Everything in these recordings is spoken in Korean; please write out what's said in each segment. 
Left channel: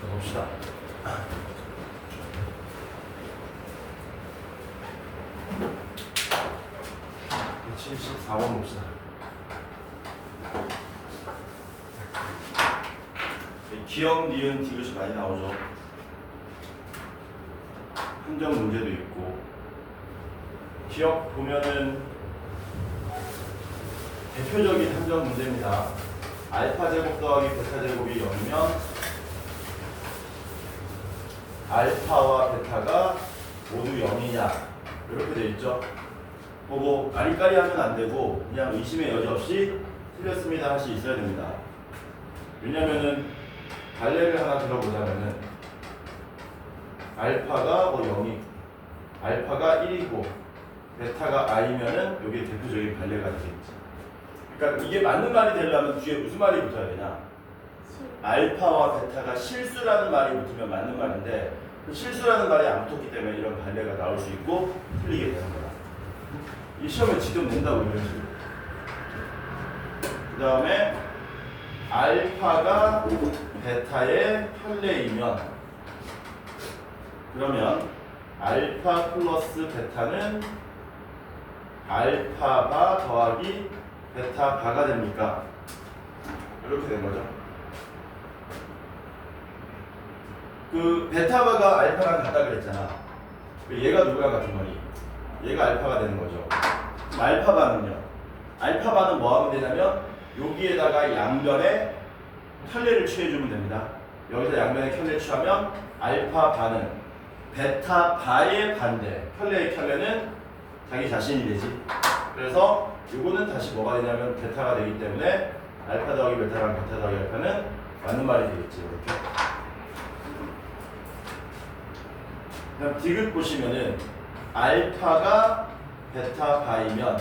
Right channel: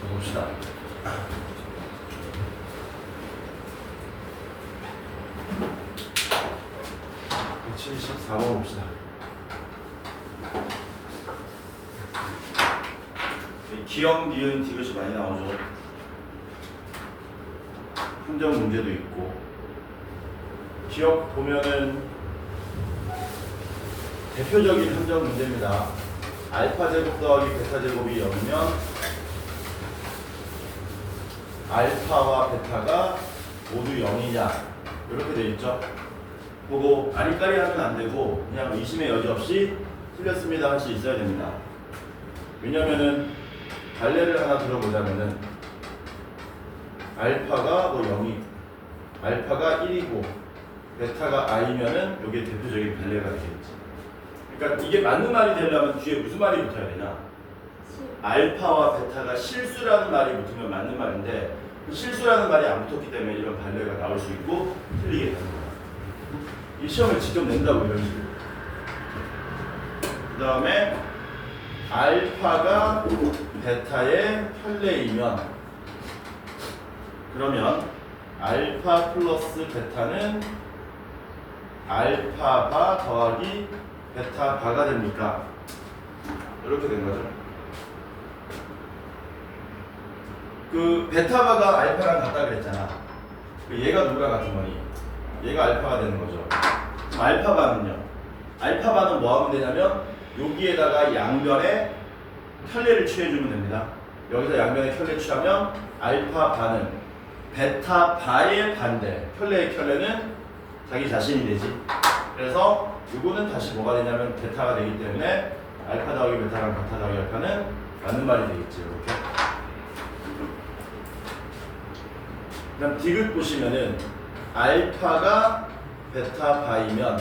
더 봅시다. 74번 봅시다. 기억, 니은, 디귿이 많이 나오죠. 함정 문제도 있고. 기억 보면은 대표적인 함정 문제입니다. 알파 제곱 더하기 베타 제곱이 0이면 알파와 베타가 모두 0이냐 이렇게 돼 있죠. 보고 아리까리 하면 안 되고 그냥 의심의 여지 없이 틀렸습니다 할 수 있어야 됩니다. 왜냐면은 갈래를 하나 들어보자면은 알파가 뭐 0이 알파가 1이고 베타가 i면은 이게 대표적인 갈래가 되겠지. 그러니까 이게 맞는 말이 되려면 뒤에 무슨 말이 붙어야 되냐? 알파와 베타가 실수라는 말이 붙으면 맞는 말인데 그 실수라는 말이 안 붙었기 때문에 이런 발레가 나올 수 있고 틀리게 되는 거야. 이 시험을 직접 낸다고 이런 식으로. 그 다음에 알파가 베타의 편례이면 그러면 알파 플러스 베타는 알파바 더하기 베타바가 됩니까? 이렇게 된 거죠. 그 베타바가 알파랑 같다 그랬잖아. 얘가 누구랑 같은 거니? 얘가 알파가 되는 거죠. 그럼 알파바는요? 알파바는 뭐 하면 되냐면 여기에다가 양변에 편례를 취해주면 됩니다. 여기서 양변에 편례 취하면 알파바는 베타바의 반대, 편례의 편례는 자기 자신이 되지. 그래서 이거는 다시 뭐가 되냐면 베타가 되기 때문에 알파 더하기 베타랑 베타 더하기 알파는 맞는 말이 되겠지. 이렇게. 그럼 디귿 보시면은 알파가 베타바이면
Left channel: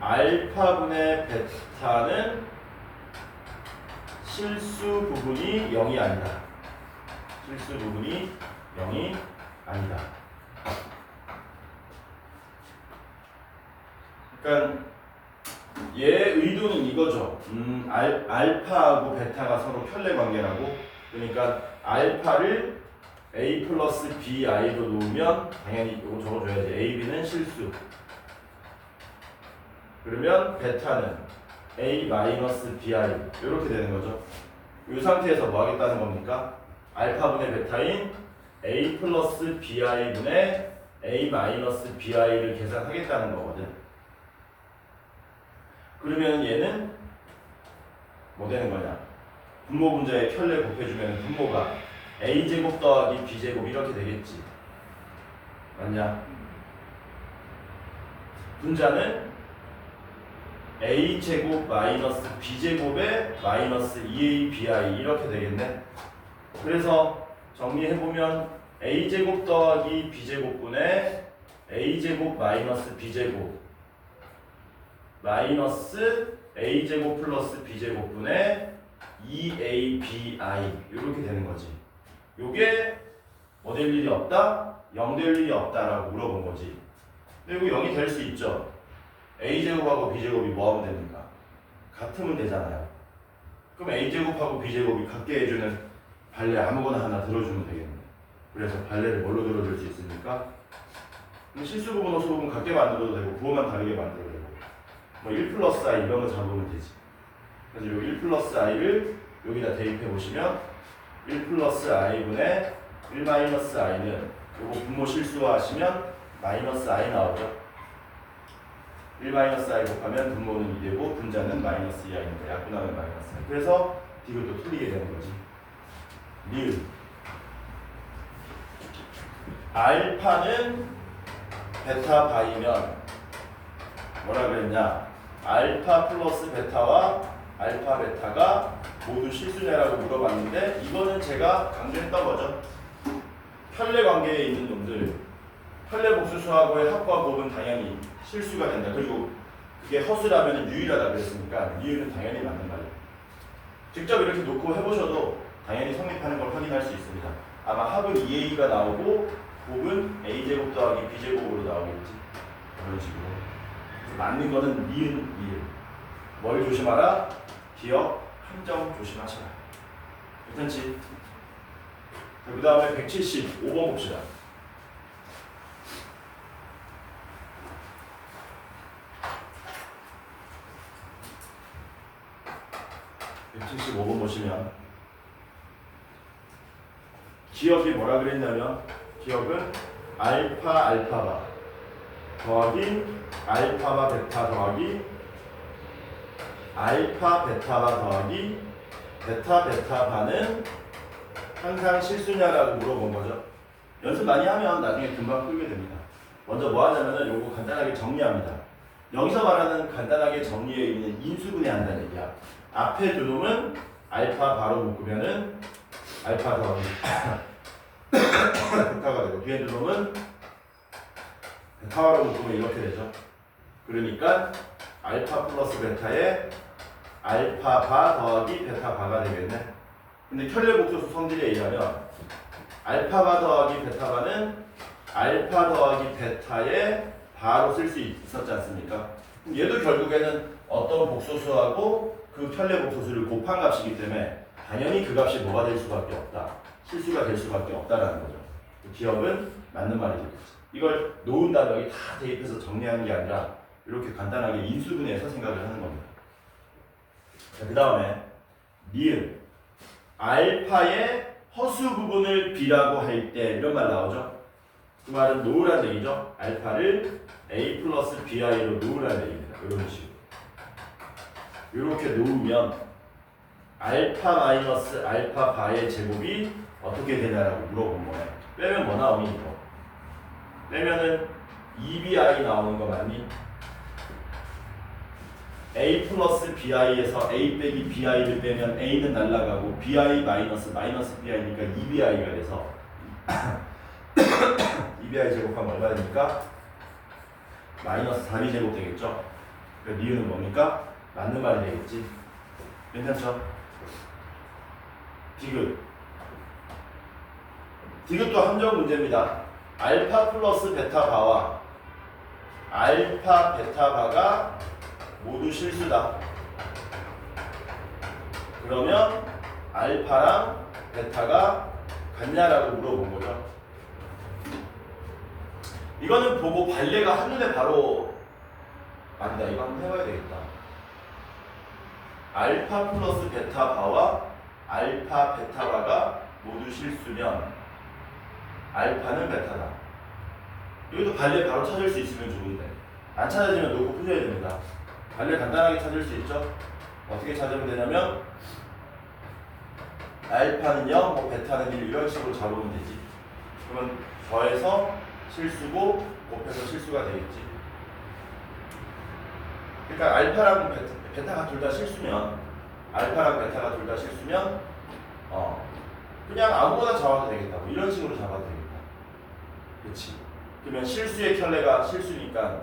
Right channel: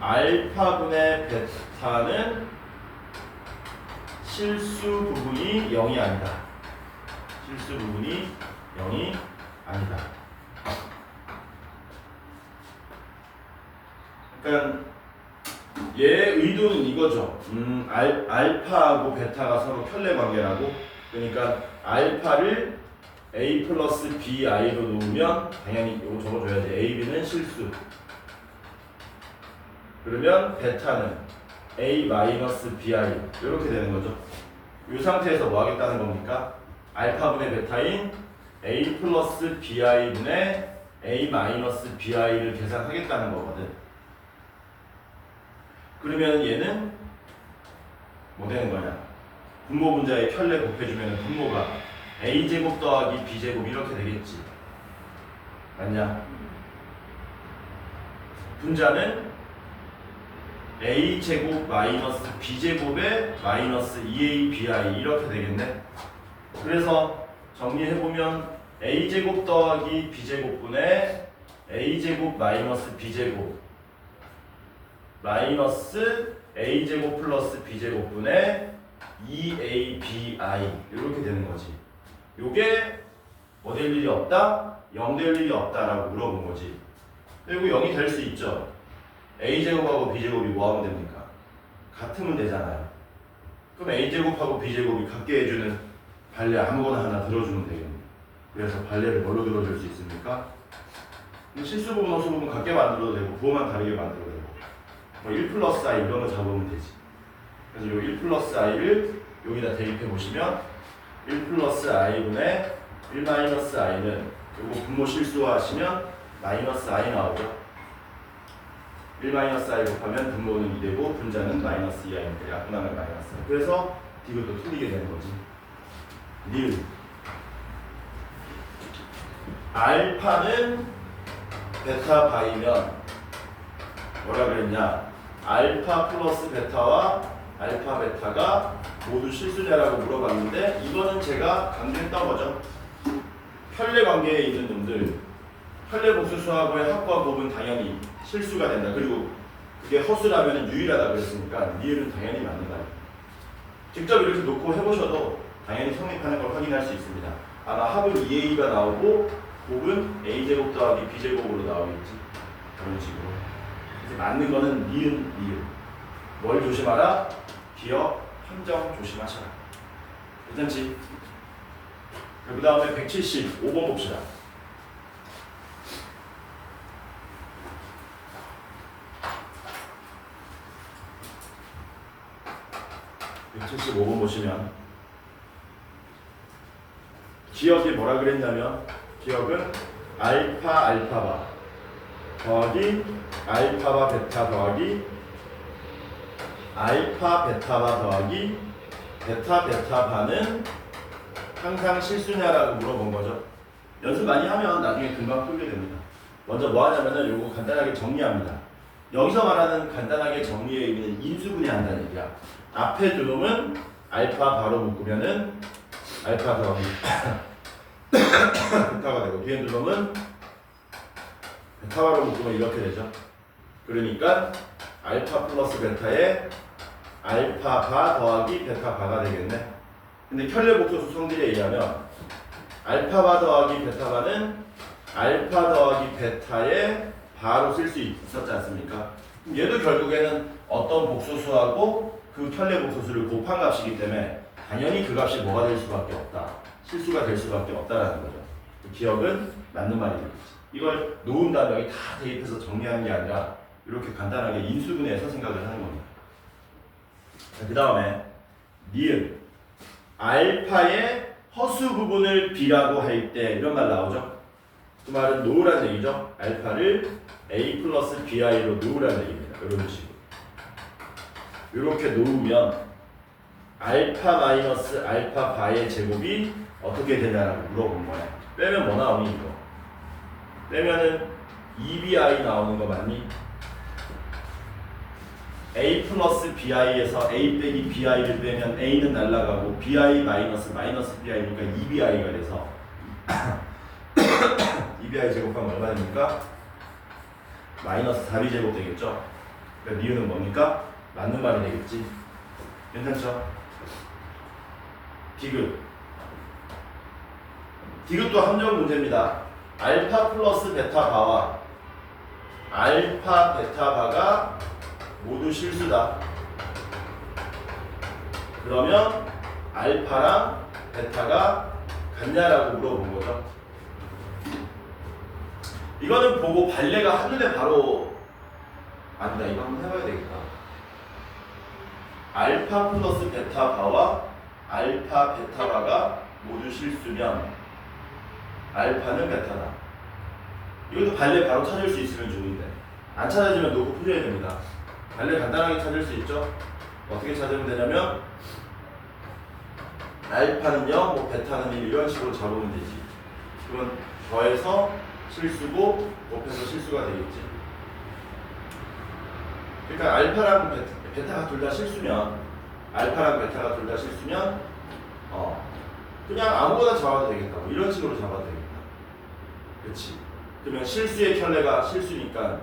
알파분의 베타는 실수 부분이 0이 아니다. 실수 부분이 0이 아니다. 그러니까 얘의 의도는 이거죠. 알파하고 베타가 서로 편례 관계라고. 그러니까 알파를 a 플러스 bi로 놓으면 당연히 이거 적어줘야지. a, b는 실수. 그러면 베타는 a 마이너스 bi 이렇게 되는 거죠. 이 상태에서 뭐 하겠다는 겁니까? 알파분의 베타인 a 플러스 bi분의 a 마이너스 bi를 계산하겠다는 거거든. 그러면 얘는 뭐 되는 거냐? 분모 분자의 편례 곱해주면 분모가 a제곱 더하기 b제곱 이렇게 되겠지. 맞냐? 분자는 a제곱 마이너스 b제곱에 마이너스 2abi 이렇게 되겠네. 그래서 정리해보면 a제곱 더하기 b제곱분의 a제곱 마이너스 b제곱 마이너스 a제곱 플러스 b제곱분의 2abi 이렇게 되는 거지. 요게 뭐 될 일이 없다? 0 될 일이 없다라고 물어본 거지. 그리고 0이 될 수 있죠. a제곱하고 b제곱이 뭐 하면 됩니까? 같으면 되잖아요. 그럼 a제곱하고 b제곱이 같게 해주는 발레 아무거나 하나 들어주면 되겠네. 그래서 발레를 뭘로 들어줄 수 있습니까? 실수 부분, 호수 부분 같게 만들어도 되고 부호만 다르게 만들어도 되고 뭐 1 플러스 i 이런 거 잡으면 되지. 그래서 요 1 플러스 i를 여기다 대입해 보시면 1 플러스 i분의 1 마이너스 i는 요거 분모 실수화하시면 마이너스 i 나오죠. 1 마이너스 i 곱하면 분모는 2되고 분자는 마이너스 2i니까 약분하면 마이너스 i. 그래서 디귿도 틀리게 되는 거지. 니은 알파는 베타바이면 뭐라 그랬냐? 알파 플러스 베타와 알파 베타가 모두 실수냐라고 물어봤는데 이거는 제가 강조했던 거죠. 편례 관계에 있는 놈들 편례 복수 수학의 합과 곱은 당연히 실수가 된다. 그리고 그게 허수라면 유일하다 그랬으니까 니은은 당연히 맞는 말이에요. 직접 이렇게 놓고 해보셔도 당연히 성립하는 걸 확인할 수 있습니다. 아마 합은 2a가 나오고 곱은 a제곱 더하기 b제곱으로 나오겠지. 그런 식으로. 그래서 맞는 거는 니은. 뭘 조심하라? 기억, 함정 조심하셔라. 괜찮지? 그 다음에 175번 봅시다. (175번) 보시면 기억이 뭐라 그랬냐면 기억은 알파 알파바 더하기 알파바 베타 더하기 알파 베타바 더하기 베타 베타바는 항상 실수냐라고 물어본 거죠. 연습 많이 하면 나중에 금방 풀게 됩니다. 먼저 뭐 하냐면은 요거 간단하게 정리합니다. 여기서 말하는 간단하게 정리해 있는 인수분해 한다는 얘기야. 앞에 두 놈은 알파 바로 묶으면은 알파 더하기 베타가 되고 뒤에 두 놈은 베타 바로 묶으면 이렇게 되죠. 그러니까 알파 플러스 베타에 알파 바 더하기 베타 바가 되겠네. 근데 켤레 복소수 성질에 의하면 알파 바 더하기 베타 바는 알파 더하기 베타에 바로 쓸 수 있었지 않습니까? 얘도 결국에는 어떤 복소수하고 그 켤레 복소수를 곱한 값이기 때문에 당연히 그 값이 뭐가 될 수밖에 없다. 실수가 될 수밖에 없다라는 거죠. 그 기억은 맞는 말이 되겠지. 이걸 놓은 다음에 여기 다 대입해서 정리하는 게 아니라 이렇게 간단하게 인수분해해서 생각을 하는 겁니다. 그 다음에 니은 알파의 허수 부분을 b라고 할 때 이런 말 나오죠. 그 말은 놓으라는 얘기죠. 알파를 a 플러스 bi로 놓으라는 얘기입니다. 이런 식으로 이렇게 놓으면 알파 마이너스 알파 바의 제곱이 어떻게 되냐라고 물어본 거예요. 빼면 뭐 나오니 이거? 빼면은 2bi 나오는 거 맞니? a 플러스 bi에서 a 빼기 bi를 빼면 a는 날라가고 bi 마이너스 마이너스 bi니까 2bi가 돼서 2bi 제곱하면 얼마 됩니까? 마이너스 4b 제곱 되겠죠? 그러니까 니은은 뭡니까? 맞는 말이 되겠지? 괜찮죠? 디귿 디귿도 함정 문제입니다. 알파 플러스 베타 바와 알파 베타 바가 모두 실수다. 그러면 알파랑 베타가 같냐라고 물어본 거죠. 이거는 보고 발레가 하늘에 바로 아니다. 이거 한번 해봐야 되겠다. 알파 플러스 베타 바와 알파 베타 바가 모두 실수면 알파는 베타다. 여기도 발레 바로 찾을 수 있으면 좋은데 안 찾아지면 놓고 풀려야 됩니다. 발레 간단하게 찾을 수 있죠. 어떻게 찾으면 되냐면 알파는 0, 뭐 베타는 1 이런 식으로 잡으면 되지. 그러면 더해서 실수고 곱해서 실수가 되겠지. 그러니까 알파랑 베타가 둘 다 실수면 알파랑 베타가 둘 다 실수면 그냥 아무거나 잡아도 되겠다. 뭐 이런 식으로 잡아도 되겠다. 그렇지. 그러면 실수의 켤레가 실수니까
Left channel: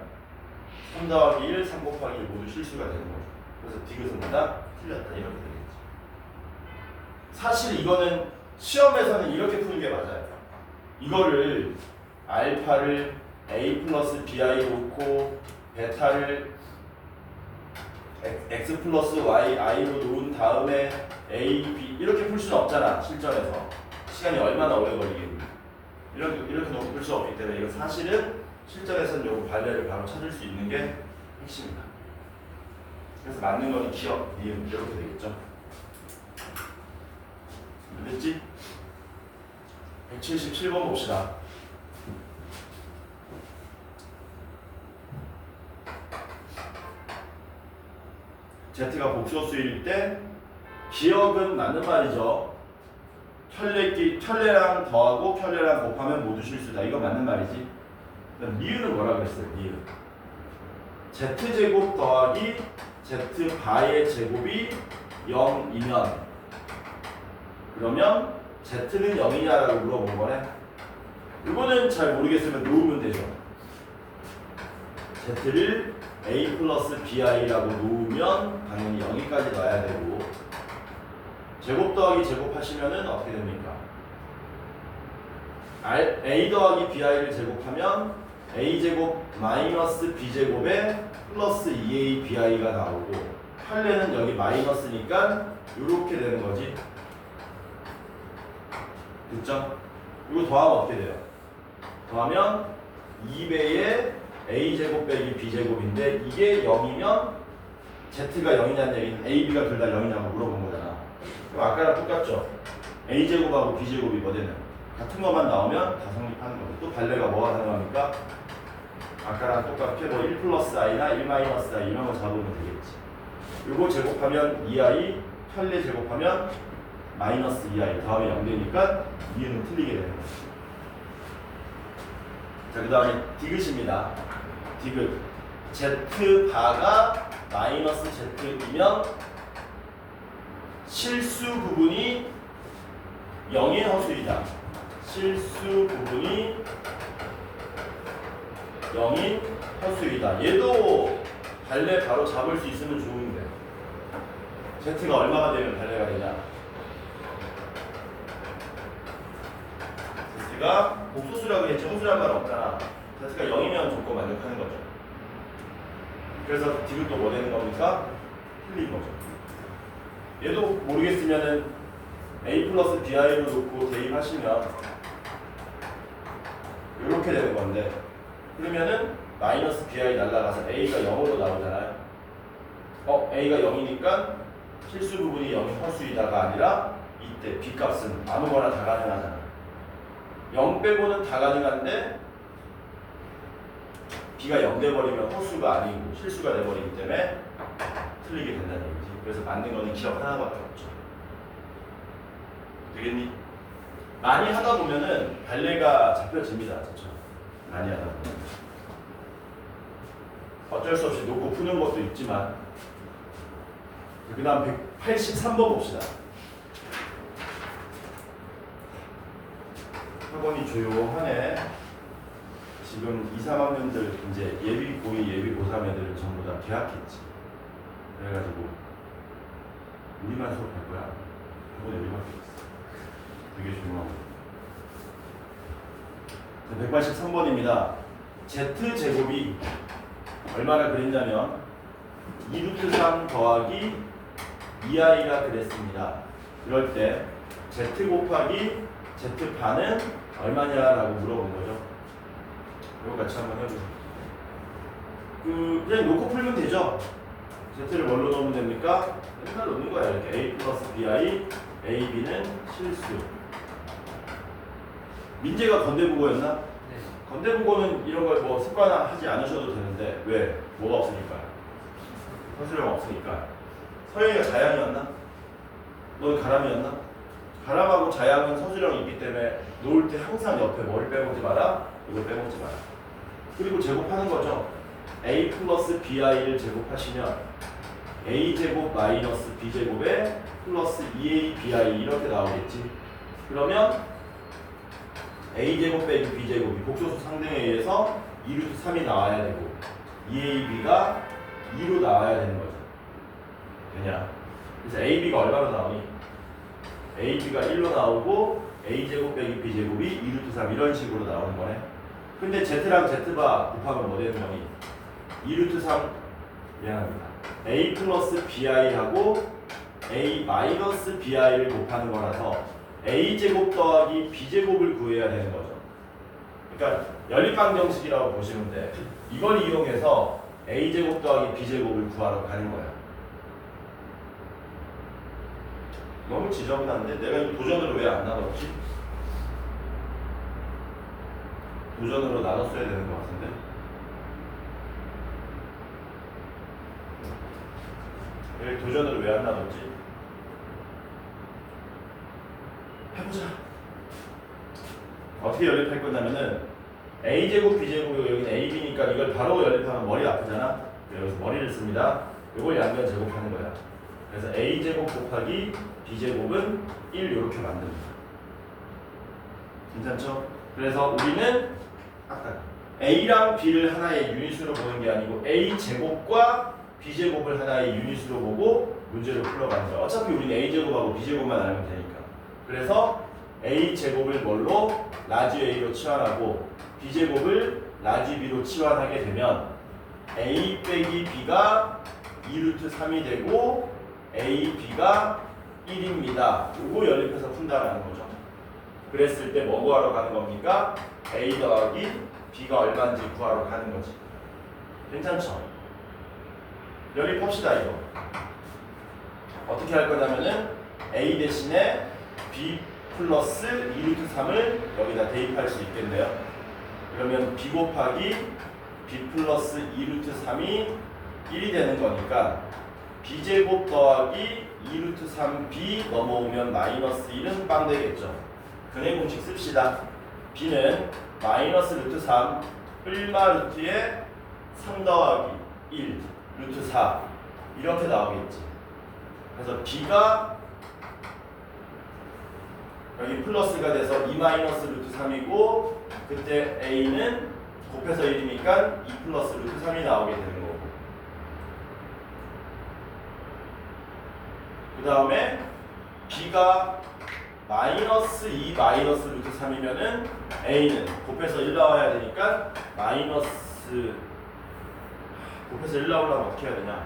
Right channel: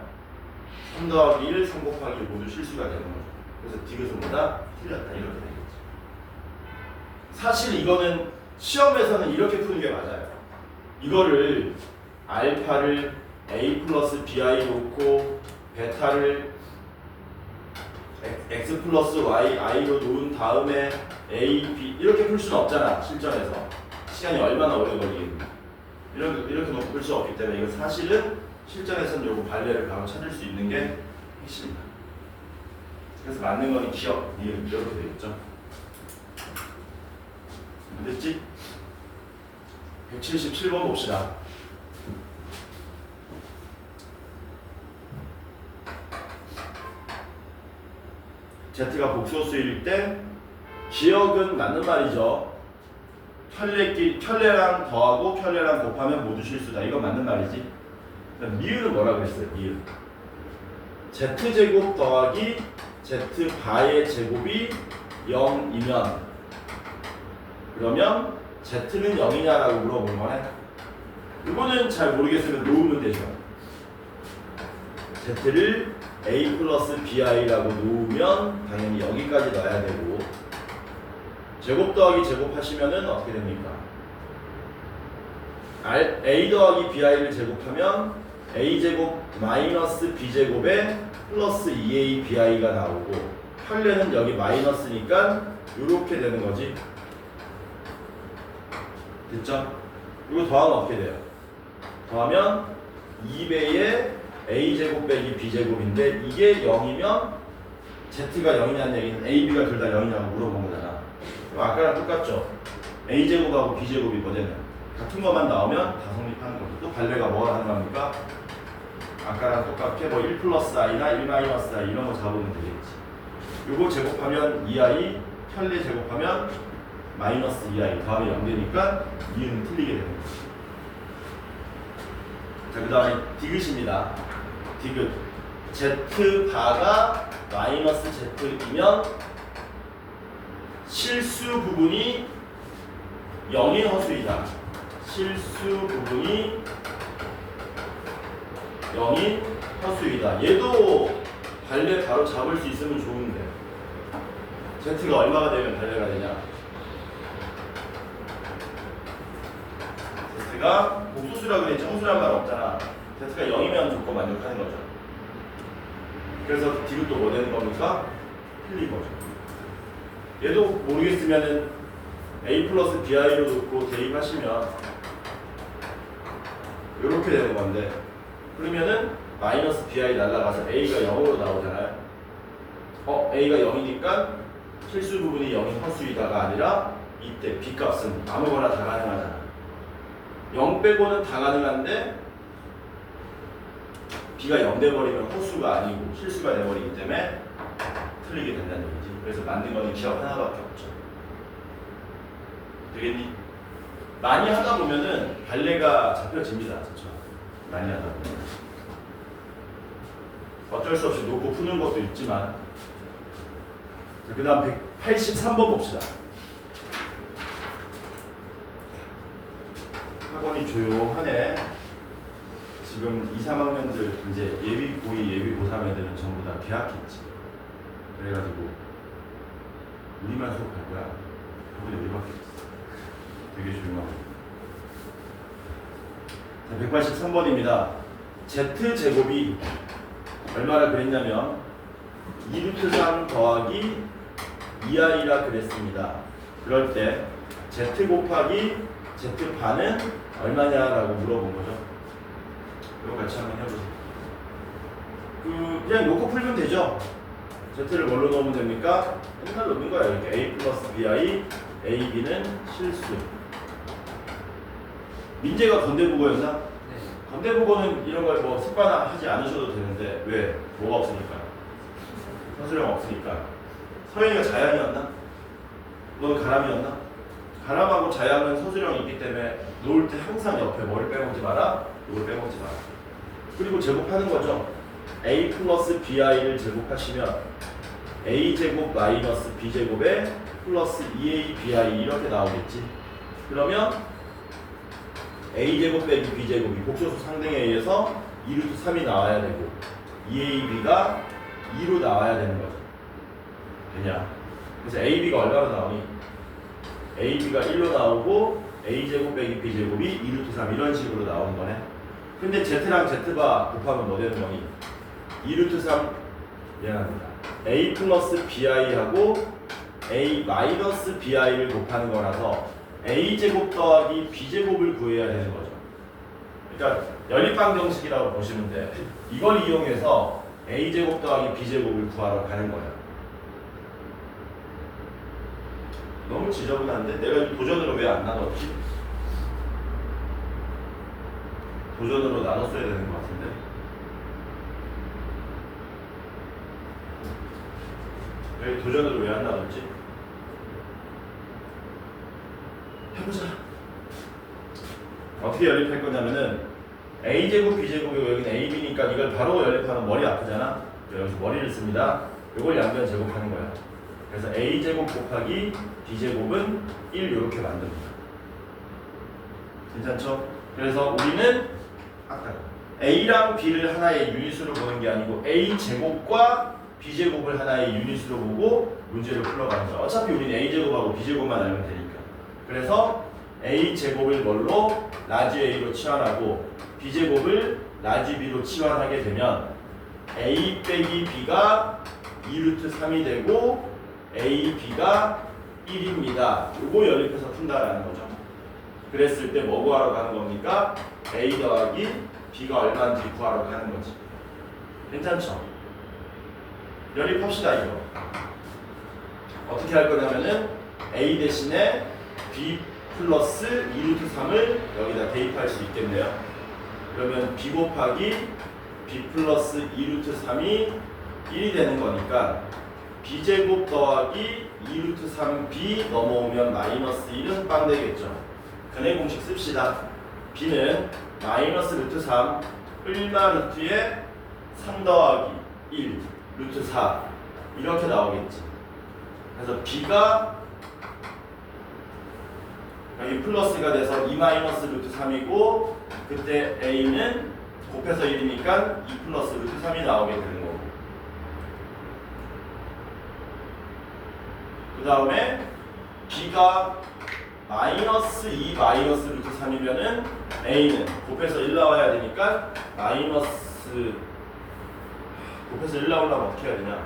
3 더하기 1, 3 곱하기 1 모두 실수가 되는 거죠. 그래서 디귿은보다 틀렸다. 이렇게 되겠죠. 사실 이거는 시험에서는 이렇게 푸는 게 맞아요. 이거를 알파를 a 플러스 bi 놓고 베타를 x 플러스 y i로 놓은 다음에 a, b 이렇게 풀 수는 없잖아. 실전에서 시간이 얼마나 오래 걸리겠니? 이렇게 놓고 풀 수 없기 때문에 이거 사실은 실전에서는 요거 발레를 바로 찾을 수 있는 게 핵심이다. 그래서 맞는 건 기억, 니은 이렇게 되겠죠. 됐지? 177번 봅시다. Z가 복소수일 때 기억은 맞는 말이죠. 켤레랑 더하고 켤레랑 곱하면 모두 실수다. 이건 맞는 말이지. 미유는 뭐라 그랬어요? 미유. Z제곱 더하기 Z바의 제곱이 0이면 그러면 Z는 0이냐라고 물어본 거네. 이거는 잘 모르겠으면 놓으면 되죠. Z를 a 플러스 bi라고 놓으면 당연히 여기까지 넣어야 되고 제곱 더하기 제곱 하시면은 어떻게 됩니까? a 더하기 bi를 제곱하면 a제곱 마이너스 b제곱에 플러스 2a bi가 나오고 켤레는 여기 마이너스니까 이렇게 되는 거지. 됐죠? 이거 더하면 어떻게 돼요? 더하면 2배의 a제곱 빼기 b제곱인데 이게 0이면 z가 0이냐는 얘기는 ab가 둘 다 0이냐고 물어본 거잖아. 그럼 아까랑 똑같죠? a제곱하고 b제곱이거든. 같은 것만 나오면 다 성립하는 거죠. 또 발레가 뭐가 가능합니까? 아까랑 똑같게 뭐 1 플러스 i나 1 마이너스 i 이런 거 잡으면 되겠지. 이거 제곱하면 2i, 켤레 제곱하면 마이너스 2i 다음에 0 되니까 2는 틀리게 되는 거죠. 자, 그 다음에 디귿입니다. 디귿. z바가 마이너스 z이면 실수 부분이 0인 허수이다. 실수 부분이 0인 허수이다. 얘도 발레 바로 잡을 수 있으면 좋은데 z가 얼마가 되면 발레가 되냐? z가 복소수라고 했지 hom수란 말 없잖아. z가 0이면 좋고 만족하는 거죠. 그래서 디귿도 뭐 되는 겁니까? 틀린 거죠. 얘도 모르겠으면은 a 플러스 bi로 놓고 대입하시면 이렇게 되는 건데 그러면은 마이너스 bi 날라가서 a가 0으로 나오잖아요. a가 0이니까 실수 부분이 0인 허수이다가 아니라 이때 b 값은 아무거나 다 가능하잖아. 0 빼고는 다 가능한데 b가 0 돼버리면 허수가 아니고 실수가 돼버리기 때문에 틀리게 된다는 얘기지. 그래서 만든 거는 기억 하나밖에 없죠. 되겠니? 많이 하다 보면은 발레가 잡혀집니다. 그렇죠? 많이 하다 보면 어쩔 수 없이 놓고 푸는 것도 있지만 그 다음 183번 봅시다. 학원이 조용하네. 지금 2, 3학년들 이제 예비 고2, 예비 고3 애들은 전부 다 개학했지. 그래가지고 우리만 수업할 거야. 저번에 우리밖에 없어. 되게 조용하고. 183번입니다. z제곱이 얼마나 그랬냐면 2루트3 더하기 2i가 그랬습니다. 그럴 때 z 곱하기 z반은 얼마냐라고 물어본 거죠. 이거 같이 한번 해보세요. 그냥 놓고 풀면 되죠. z를 뭘로 넣으면 됩니까? 맨날 넣는 거야. 이렇게 a 플러스 bi, ab는 실수. 민재가 건대국어였나? 네. 건대국어는 이런 걸 뭐 습관화하지 않으셔도 되는데 왜? 뭐가 없으니까? 서술형 없으니까. 서영이가 자양이었나? 너는 가람이었나? 가람하고 자양은 서술형이 있기 때문에 놓을 때 항상 옆에 뭘 빼먹지 마라? 이걸 빼먹지 마라. 그리고 제곱하는 거죠. a 플러스 bi를 제곱하시면 a제곱 마이너스 b제곱에 플러스 2abi 이렇게 나오겠지. 그러면 a제곱 빼기 b제곱이 복소수 상등에 의해서 2루트 3이 나와야 되고 2ab가 2로 나와야 되는 거죠. 되냐? 그래서 ab가 얼마로 나오니? ab가 1로 나오고 a제곱 빼기 b제곱이 2루트 3 이런 식으로 나오는 거네. 근데 z랑 z바 곱하면 뭐 되는 거니? 2루트 3 미안합니다. a 플러스 bi하고 a 마이너스 bi를 곱하는 거라서 a제곱 더하기 b제곱을 구해야 되는 거죠. 그러니까 연립방정식이라고 보시면 돼. 이걸 이용해서 a제곱 더하기 b제곱을 구하러 가는 거야. 너무 지저분한데 내가 도전으로 왜 안 나눴지? 도전으로 나눴어야 되는 것 같은데. 왜 도전으로 왜 안 나눴지? 해보자. 어떻게 연립할 거냐면은 a제곱 b제곱이고 여기는 ab니까 이걸 바로 연립하면 머리 아프잖아. 여기서 머리를 씁니다. 이걸 양변 제곱하는 거야. 그래서 a제곱 곱하기 b제곱은 1 이렇게 만듭니다. 괜찮죠? 그래서 우리는 아까 a랑 b를 하나의 유닛으로 보는 게 아니고 a제곱과 b제곱을 하나의 유닛으로 보고 문제를 풀어가는 거야. 어차피 우리는 a제곱하고 b제곱만 알면 되니까. 그래서 a제곱을 뭘로? 라지 a로 치환하고 b제곱을 라지 b로 치환하게 되면 a 빼기 b가 2루트 3이 되고 a, b가 1입니다. 요거 연립해서 푼다라는 거죠. 그랬을 때 뭐 구하러 가는 겁니까? A 더하기 B가 얼마인지 구하러 가는 거지. 괜찮죠? 연립합시다 이거. 어떻게 할 거냐면은 A 대신에 B 플러스 2루트 3을 여기다 대입할 수 있겠네요. 그러면 B 곱하기 B 플러스 2루트 3이 1이 되는 거니까 B제곱 더하기 2루트 3B 넘어오면 마이너스 1은 빵 되겠죠. 근해 공식 씁시다. B는 마이너스 루트 3 얼마 루트에 3 더하기 1 루트 4 이렇게 나오겠지. 그래서 B가 여기 플러스가 돼서 2 마이너스 루트 3이고 그때 A는 곱해서 1이니까 2 플러스 루트 3이 나오게 되는 거고 그 다음에 B가 마이너스 2 마이너스 루트 3이면은 A는 곱해서 1 나와야 되니까 마이너스 곱해서 1 나오려면 어떻게 해야 되냐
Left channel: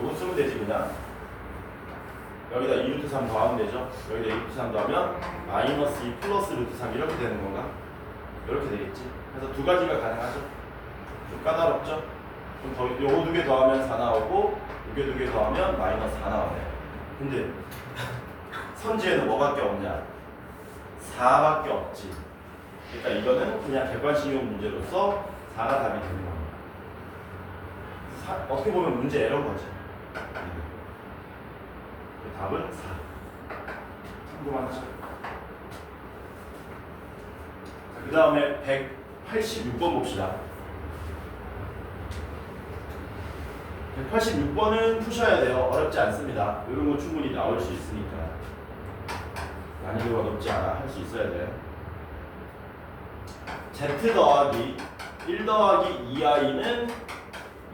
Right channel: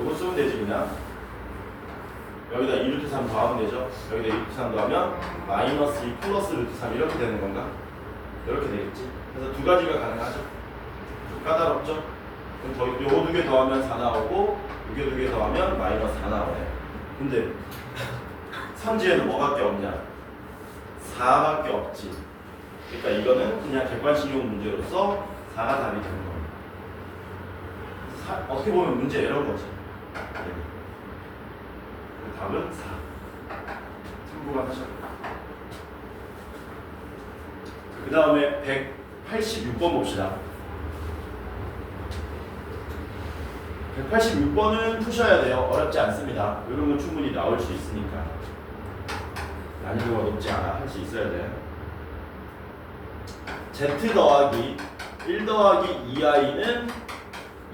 요거 쓰면 되지 그냥 여기다 2루트 3 더하면 되죠. 여기다 2루트 3 더하면 마이너스 2 플러스 루트 3 이렇게 되는 건가? 이렇게 되겠지. 그래서 두 가지가 가능하죠. 좀 까다롭죠? 그럼 요거 두 개 더하면 4 나오고 요게 두 개 더하면 마이너스 4 나오네. 근데 선지에는 뭐밖에 없냐? 4밖에 없지. 그러니까 이거는 그냥 객관식용 문제로서 4가 답이 되는 겁니다. 어떻게 보면 문제 에러인 거지. 답은 4. 참고만 하셔도 돼요. 그 다음에 186번 봅시다. 186번은 푸셔야 돼요. 어렵지 않습니다. 이런 건 충분히 나올 수 있으니까. 난이도가 높지 않아. 할 수 있어야 돼. Z 더하기 1 더하기 2i는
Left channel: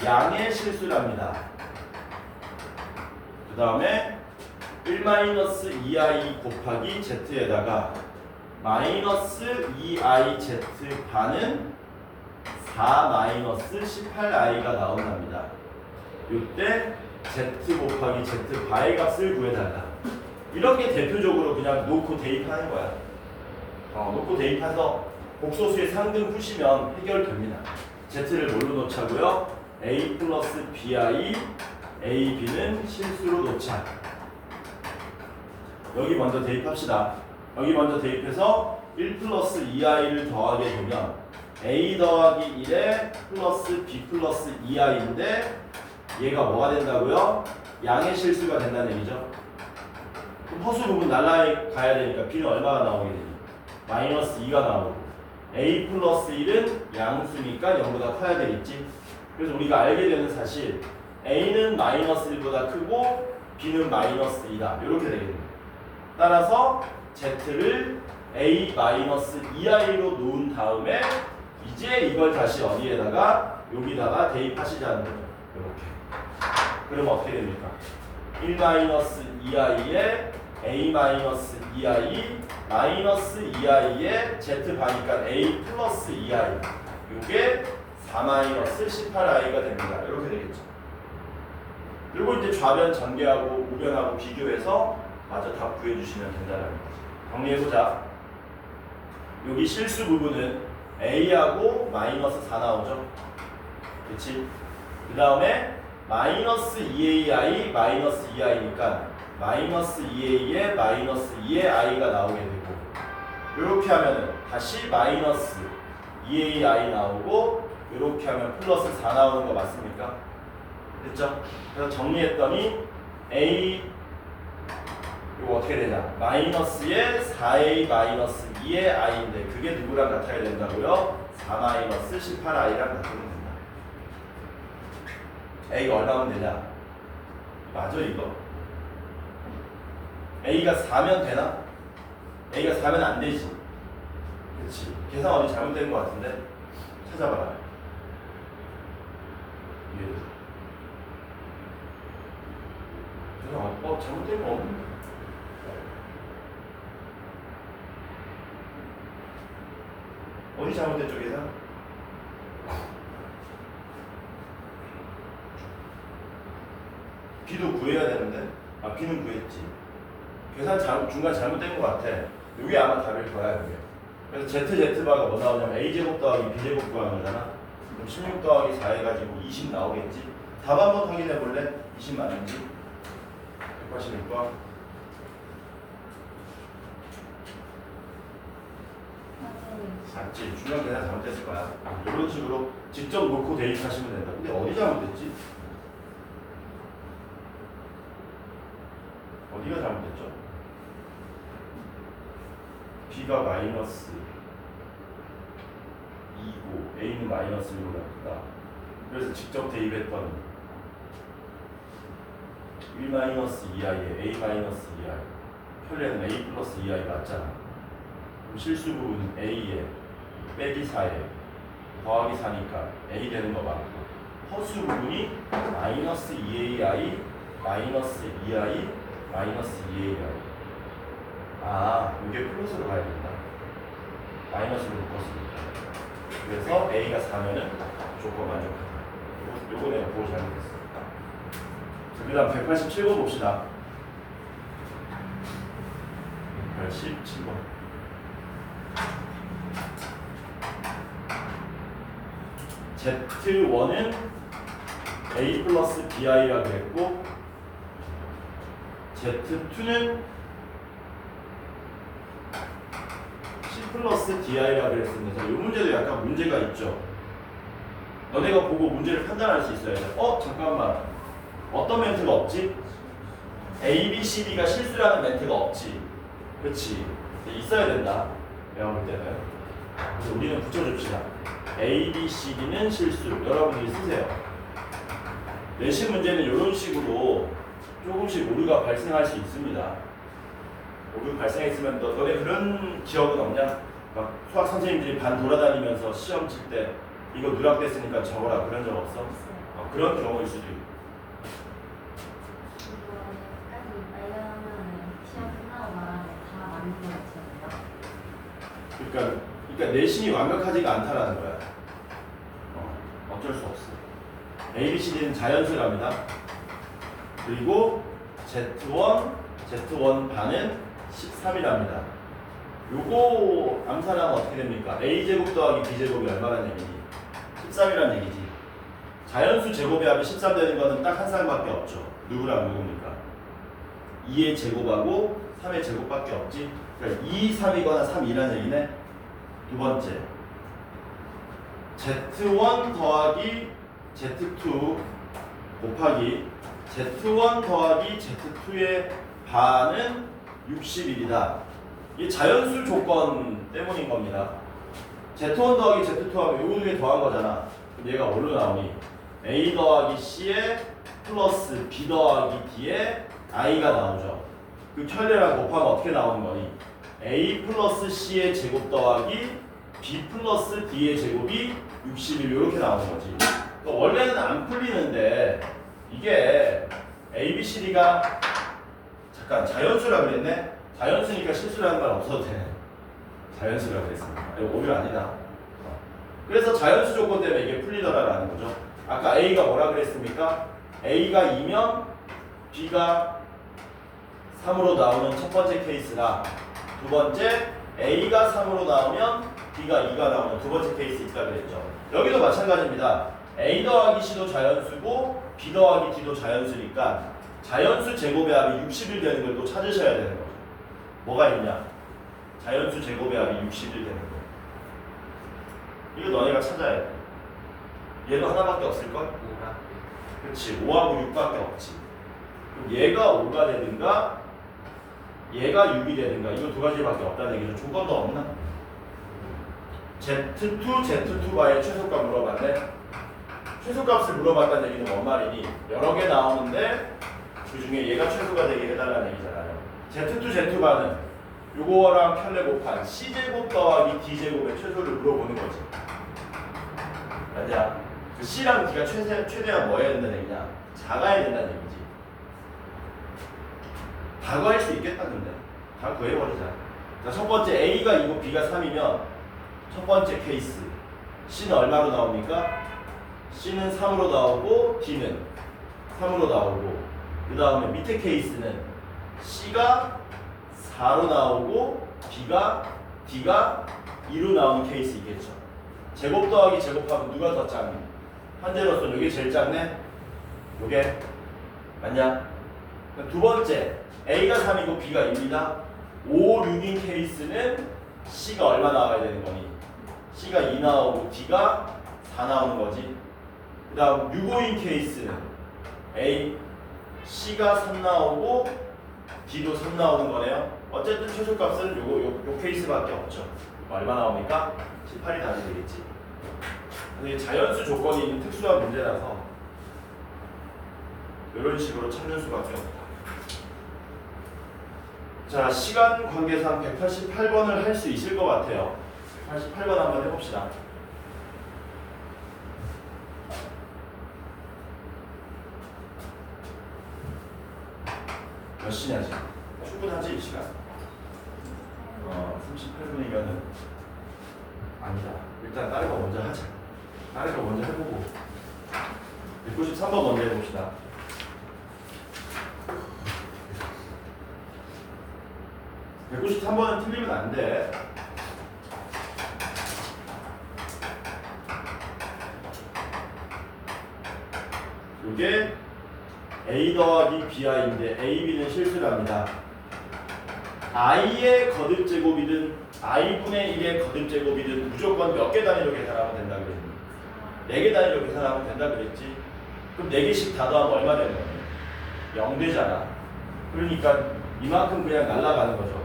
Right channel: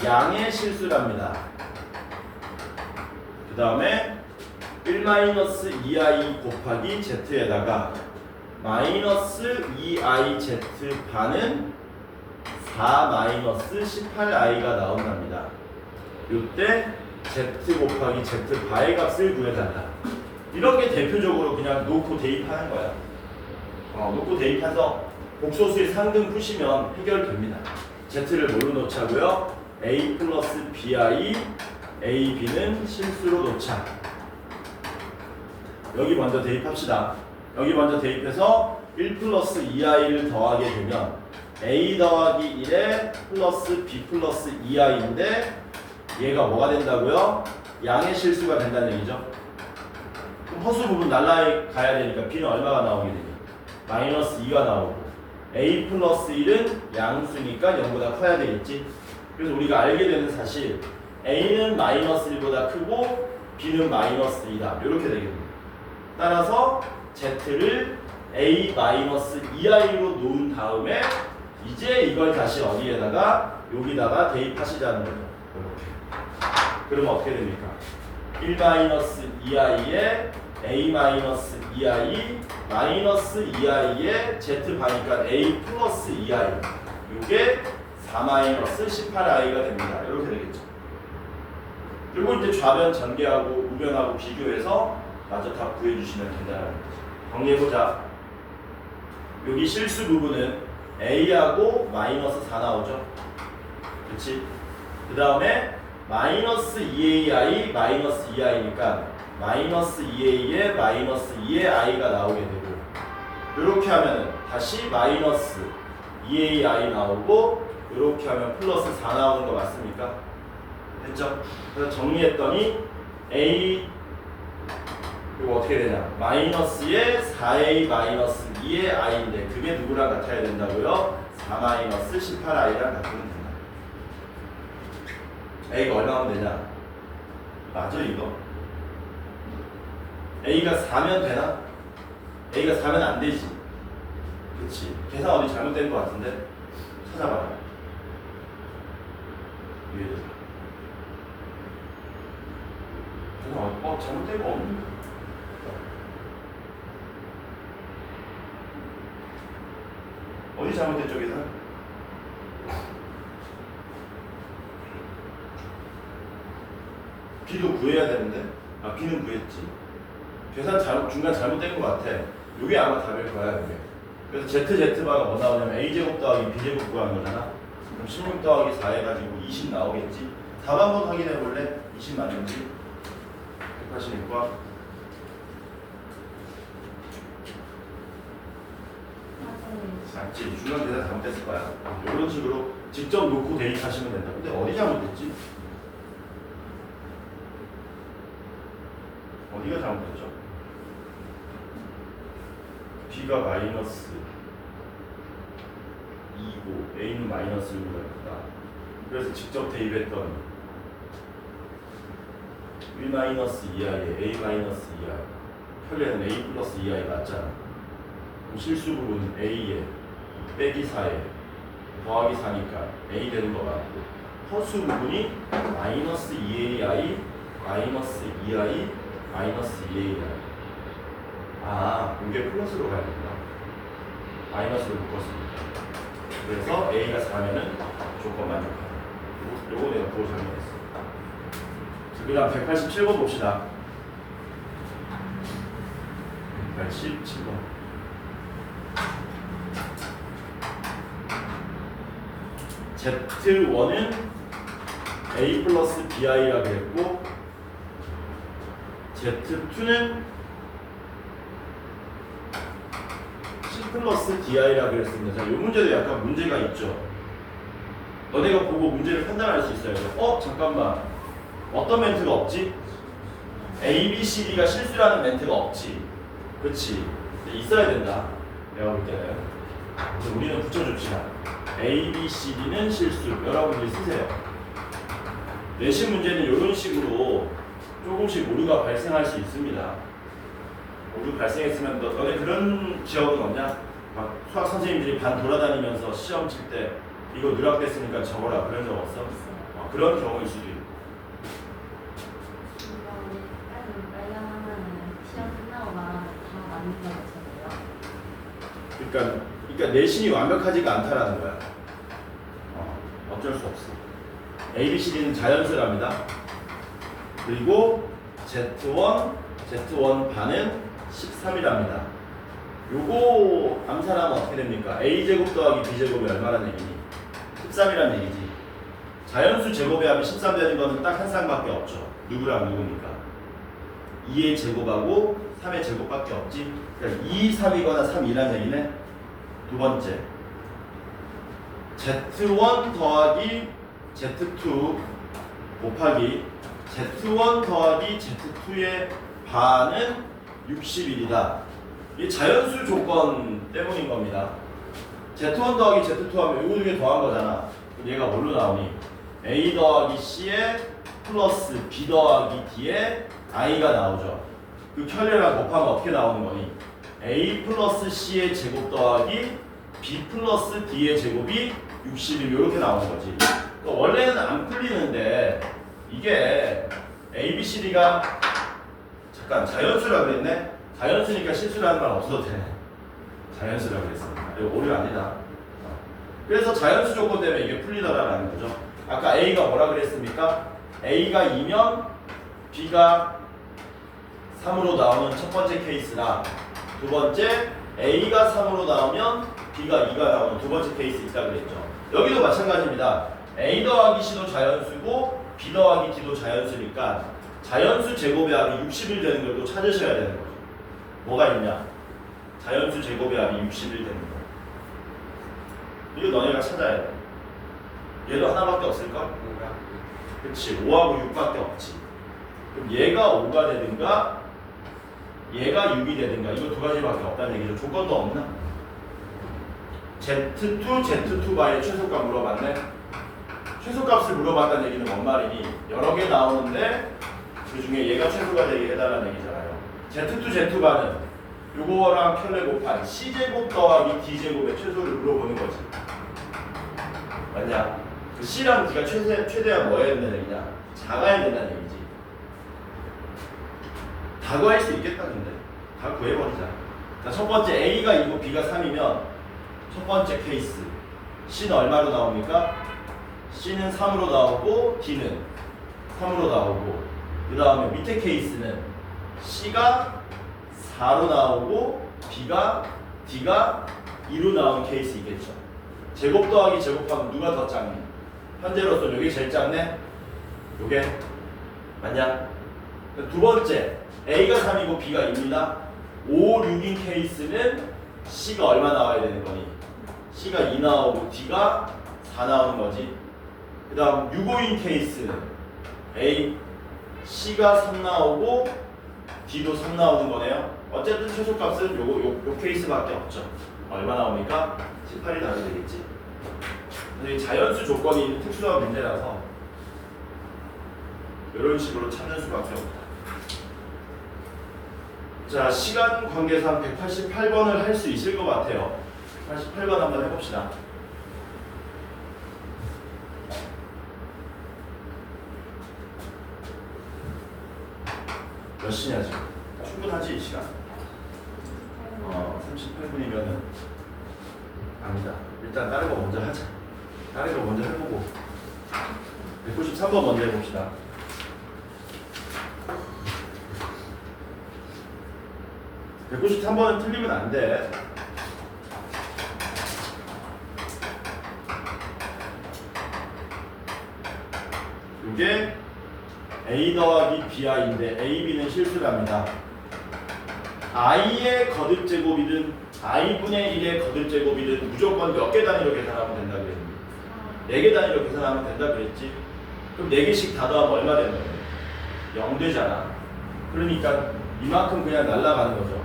양의 실수랍니다. 그 다음에 1-2i 곱하기 z에다가 마이너스 2iz 반은 4-18i가 나온답니다. 이때 z 곱하기 z 바의 값을 구해달라. 이렇게 대표적으로 그냥 놓고 대입하는 거야. 놓고 대입해서 복소수의 상등 푸시면 해결됩니다. z를 뭘로 놓자고요? a 플러스 bi, ab는 실수로 놓자. 여기 먼저 대입합시다. 여기 먼저 대입해서 1 플러스 2i를 더하게 되면 a 더하기 1에 플러스 b 플러스 2i인데 얘가 뭐가 된다고요? 양의 실수가 된다는 얘기죠. 그럼 허수 부분 날라가야 되니까 b는 얼마가 나오게 되죠? 마이너스 2가 나오고 a 플러스 1은 양수니까 0보다 커야 되겠지. 그래서 우리가 알게 되는 사실 a는 마이너스 1보다 크고 b는 마이너스 2다. 이렇게 되겠네요. 따라서 z를 a-2i로 놓은 다음에 이제 이걸 다시 어디에다가 여기다가 대입하시자는 거죠. 이렇게. 그러면 어떻게 됩니까? 1-2i에 a-2i 마이너스 2i에 z반이니까 a 플러스 2i 이게 4-18i가 됩니다. 이렇게 되겠죠. 그리고 이제 좌변 전개하고 우변하고 비교해서 마저 답 구해주시면 된다는 거죠. 정리해보자. 여기 실수 부분은 a하고 마이너스 4 나오죠. 그렇지? 그 다음에 마이너스 2ai 마이너스 2i니까 마이너스 2a에 마이너스 2의 i가 나오게 되고 이렇게 하면은 다시 마이너스 2ai 나오고 이렇게 하면 플러스 4 나오는 거 맞습니까? 됐죠? 그래서 정리했더니 a 이거 어떻게 되냐? 마이너스에 4a 마이너스 2의 i인데 그게 누구랑 같아야 된다고요? 4 마이너스 18i랑 같으면 된다. a가 얼마면 되냐? 맞아 이거? a가 4면 되나? a가 4면 안 되지. 그렇지. 계산 어디 잘못된 것 같은데 찾아봐라. 계산 잘못된 거 없는데. 어디 잘못됐죠 계산? b도 구해야 되는데 B는 구했지. 계산 중간 잘못된 것 같아. 이게 아마 답일 거야 이게. 그래서 ZZ바가 뭐 나오냐면 A제곱 더하기 B제곱 구하는 거잖아. 그럼 16 더하기 4 해가지고 20 나오겠지. 답 한번 확인해 볼래? 20 맞는지? 186번. 맞지? 중간 계산 잘못됐을 거야. 이런 식으로 직접 놓고 대입하시면 된다. 근데 어디 잘못됐지? 어디가 잘못됐죠? B가 마이너스 2고 A는 마이너스 1로 했다. 그래서 직접 대입했더니 1 마이너스 2i에 A 마이너스 2i 편례는 A 플러스 2i 맞잖아. 그럼 실수 부분은 A에 빼기 4에 더하기 4니까 A 되는 거 맞고, 허수 부분이 마이너스 2ai 마이너스 2i 마이너스 2ai. 아, 이게 플러스로 가야 된다. 마이너스로 묶었으니까. 그래서 A가 4면은 조건 만족한다. 요거 내가 보고 잘못했어. 그 다음 187번 봅시다. 187번. Z1은 A 플러스 BI라 그랬고, Z2는 C 플러스 DI라 그랬습니다. 자, 이 문제도 약간 문제가 있죠. 너네가 보고 문제를 판단할 수 있어야죠. 잠깐만. 어떤 멘트가 없지? A, B, C, D가 실수라는 멘트가 없지. 그렇지. 있어야 된다. 내가 볼 때는. 그래서 우리는 붙여줍시다. A, B, C, D는 실수. 여러분들이 쓰세요. 내신 문제는 이런 식으로 조금씩 오류가 발생할 수 있습니다. 오류 발생했으면 너네 그런 기억은 없냐? 막 수학 선생님들이 반 돌아다니면서 시험 칠 때 이거 누락됐으니까 적어라 그런 적 없어? 그런 경우일 수도 있고. 그러니까 내신이 완벽하지가 않다라는 거야. 어쩔 수 없어. A, B, C, D는 자연수랍니다. 그리고 Z1 반은 13이랍니다. 요거 암산하면 어떻게 됩니까? A제곱 더하기 B제곱이 얼마라는 얘기니? 13이라는 얘기지. 자연수 제곱의 합이 13 되는 거는 딱 한 쌍밖에 없죠. 누구랑 누구니까? 2의 제곱하고 3의 제곱밖에 없지. 그러니까 2, 3이거나 3, 2라는 얘기네. 두 번째, Z1 더하기 Z2 곱하기 Z1 더하기 Z2의 반은 61이다. 이게 자연수 조건 때문인 겁니다. Z1 더하기 Z2 하면 요거 중에 더한 거잖아. 그럼 얘가 뭘로 나오니? A 더하기 C에 플러스 B 더하기 D에 I가 나오죠. 그 편리랑 곱하면 어떻게 나오는 거니? A 플러스 C의 제곱 더하기 B 플러스 D의 제곱이 61 이렇게 나오는 거지. 그러니까 원래는 안 풀리는데 이게 A, B, C, D가 잠깐 자연수라 그랬네? 자연수니까 실수라는 말 없어도 돼. 자연수라 그랬습니다. 이거 오류 아니다. 그래서 자연수 조건 때문에 이게 풀리더라라는 거죠. 아까 A가 뭐라 그랬습니까? A가 2면 B가 3으로 나오는 첫 번째 케이스라, 두 번째 A가 3으로 나오면 B가 2가 나오는 두 번째 케이스 있다 그랬죠. 여기도 마찬가지입니다. A 더하기 C도 자연수고 B 더하기 D도 자연수니까 자연수 제곱의 합이 60일 되는 걸 또 찾으셔야 되는 거죠. 뭐가 있냐? 자연수 제곱의 합이 60일 되는 거. 이거 너네가 찾아야 돼. 얘도 하나밖에 없을걸? 그렇지. 5하고 6밖에 없지. 그럼 얘가 5가 되든가 얘가 6이 되든가 이거 두 가지밖에 없다는 얘기죠. 조건도 없나? Z2바의 최소값 물어봤네. 최소값을 물어봤다는 얘기는 뭔 말이니? 여러 개 나오는데 그 중에 얘가 최소가 되게 해달라는 얘기잖아요. Z2바는 요거랑 편례 곱한 C제곱 더하기 D제곱의 최소를 물어보는 거지. 맞냐? 그 C랑 D가 최대한 뭐 해야 된다는 얘기냐? 작아야 된다는 얘기지. 다 구할 수 있겠다 근데. 다 구해버리자. 자, 첫 번째 A가 2고 B가 3이면 첫 번째 케이스 C는 얼마로 나옵니까? C는 3으로 나오고 D는 3으로 나오고 그 다음에 밑에 케이스는 C가 4로 나오고 D가 2로 나오는 케이스 있겠죠. 제곱 더하기 제곱하면 누가 더 작니? 현재로서는 이게 제일 작네? 요게 맞냐? 두 번째 A가 3이고 B가 2입니다. 5, 6인 케이스는 C가 얼마 나와야 되는 거니? C가 2 나오고 D가 4 나오는 거지. 그 다음 6, 5인 케이스는 C가 3 나오고 D도 3 나오는 거네요. 어쨌든 최소값은 요 케이스밖에 없죠. 얼마 나옵니까? 18이 나와야 되겠지. 근데 자연수 조건이 있는 특수한 문제라서 이런 식으로 찾는 수밖에 없다. 자, 시간 관계상 188번을 할 수 있을 것 같아요. 88번 한번 해봅시다. 몇 시냐 지금? 충분하지 이 시간? 38분이면은 아니다. 일단 다른 거 먼저 하자. 다른 거 먼저 해보고 193번 먼저 해봅시다. (193번은) 틀리면 안 돼. 이게 A 더하기 BI인데 A, B는 실수랍니다. I의 거듭제곱이든 I분의 1의 거듭제곱이든 무조건 몇 개 단위로 계산하면 된다 그랬니? 4개 단위로 계산하면 된다 그랬지? 그럼 4개씩 다 더하면 얼마 되는 거야? 0 되잖아. 그러니까 이만큼 그냥 날아가는 거죠.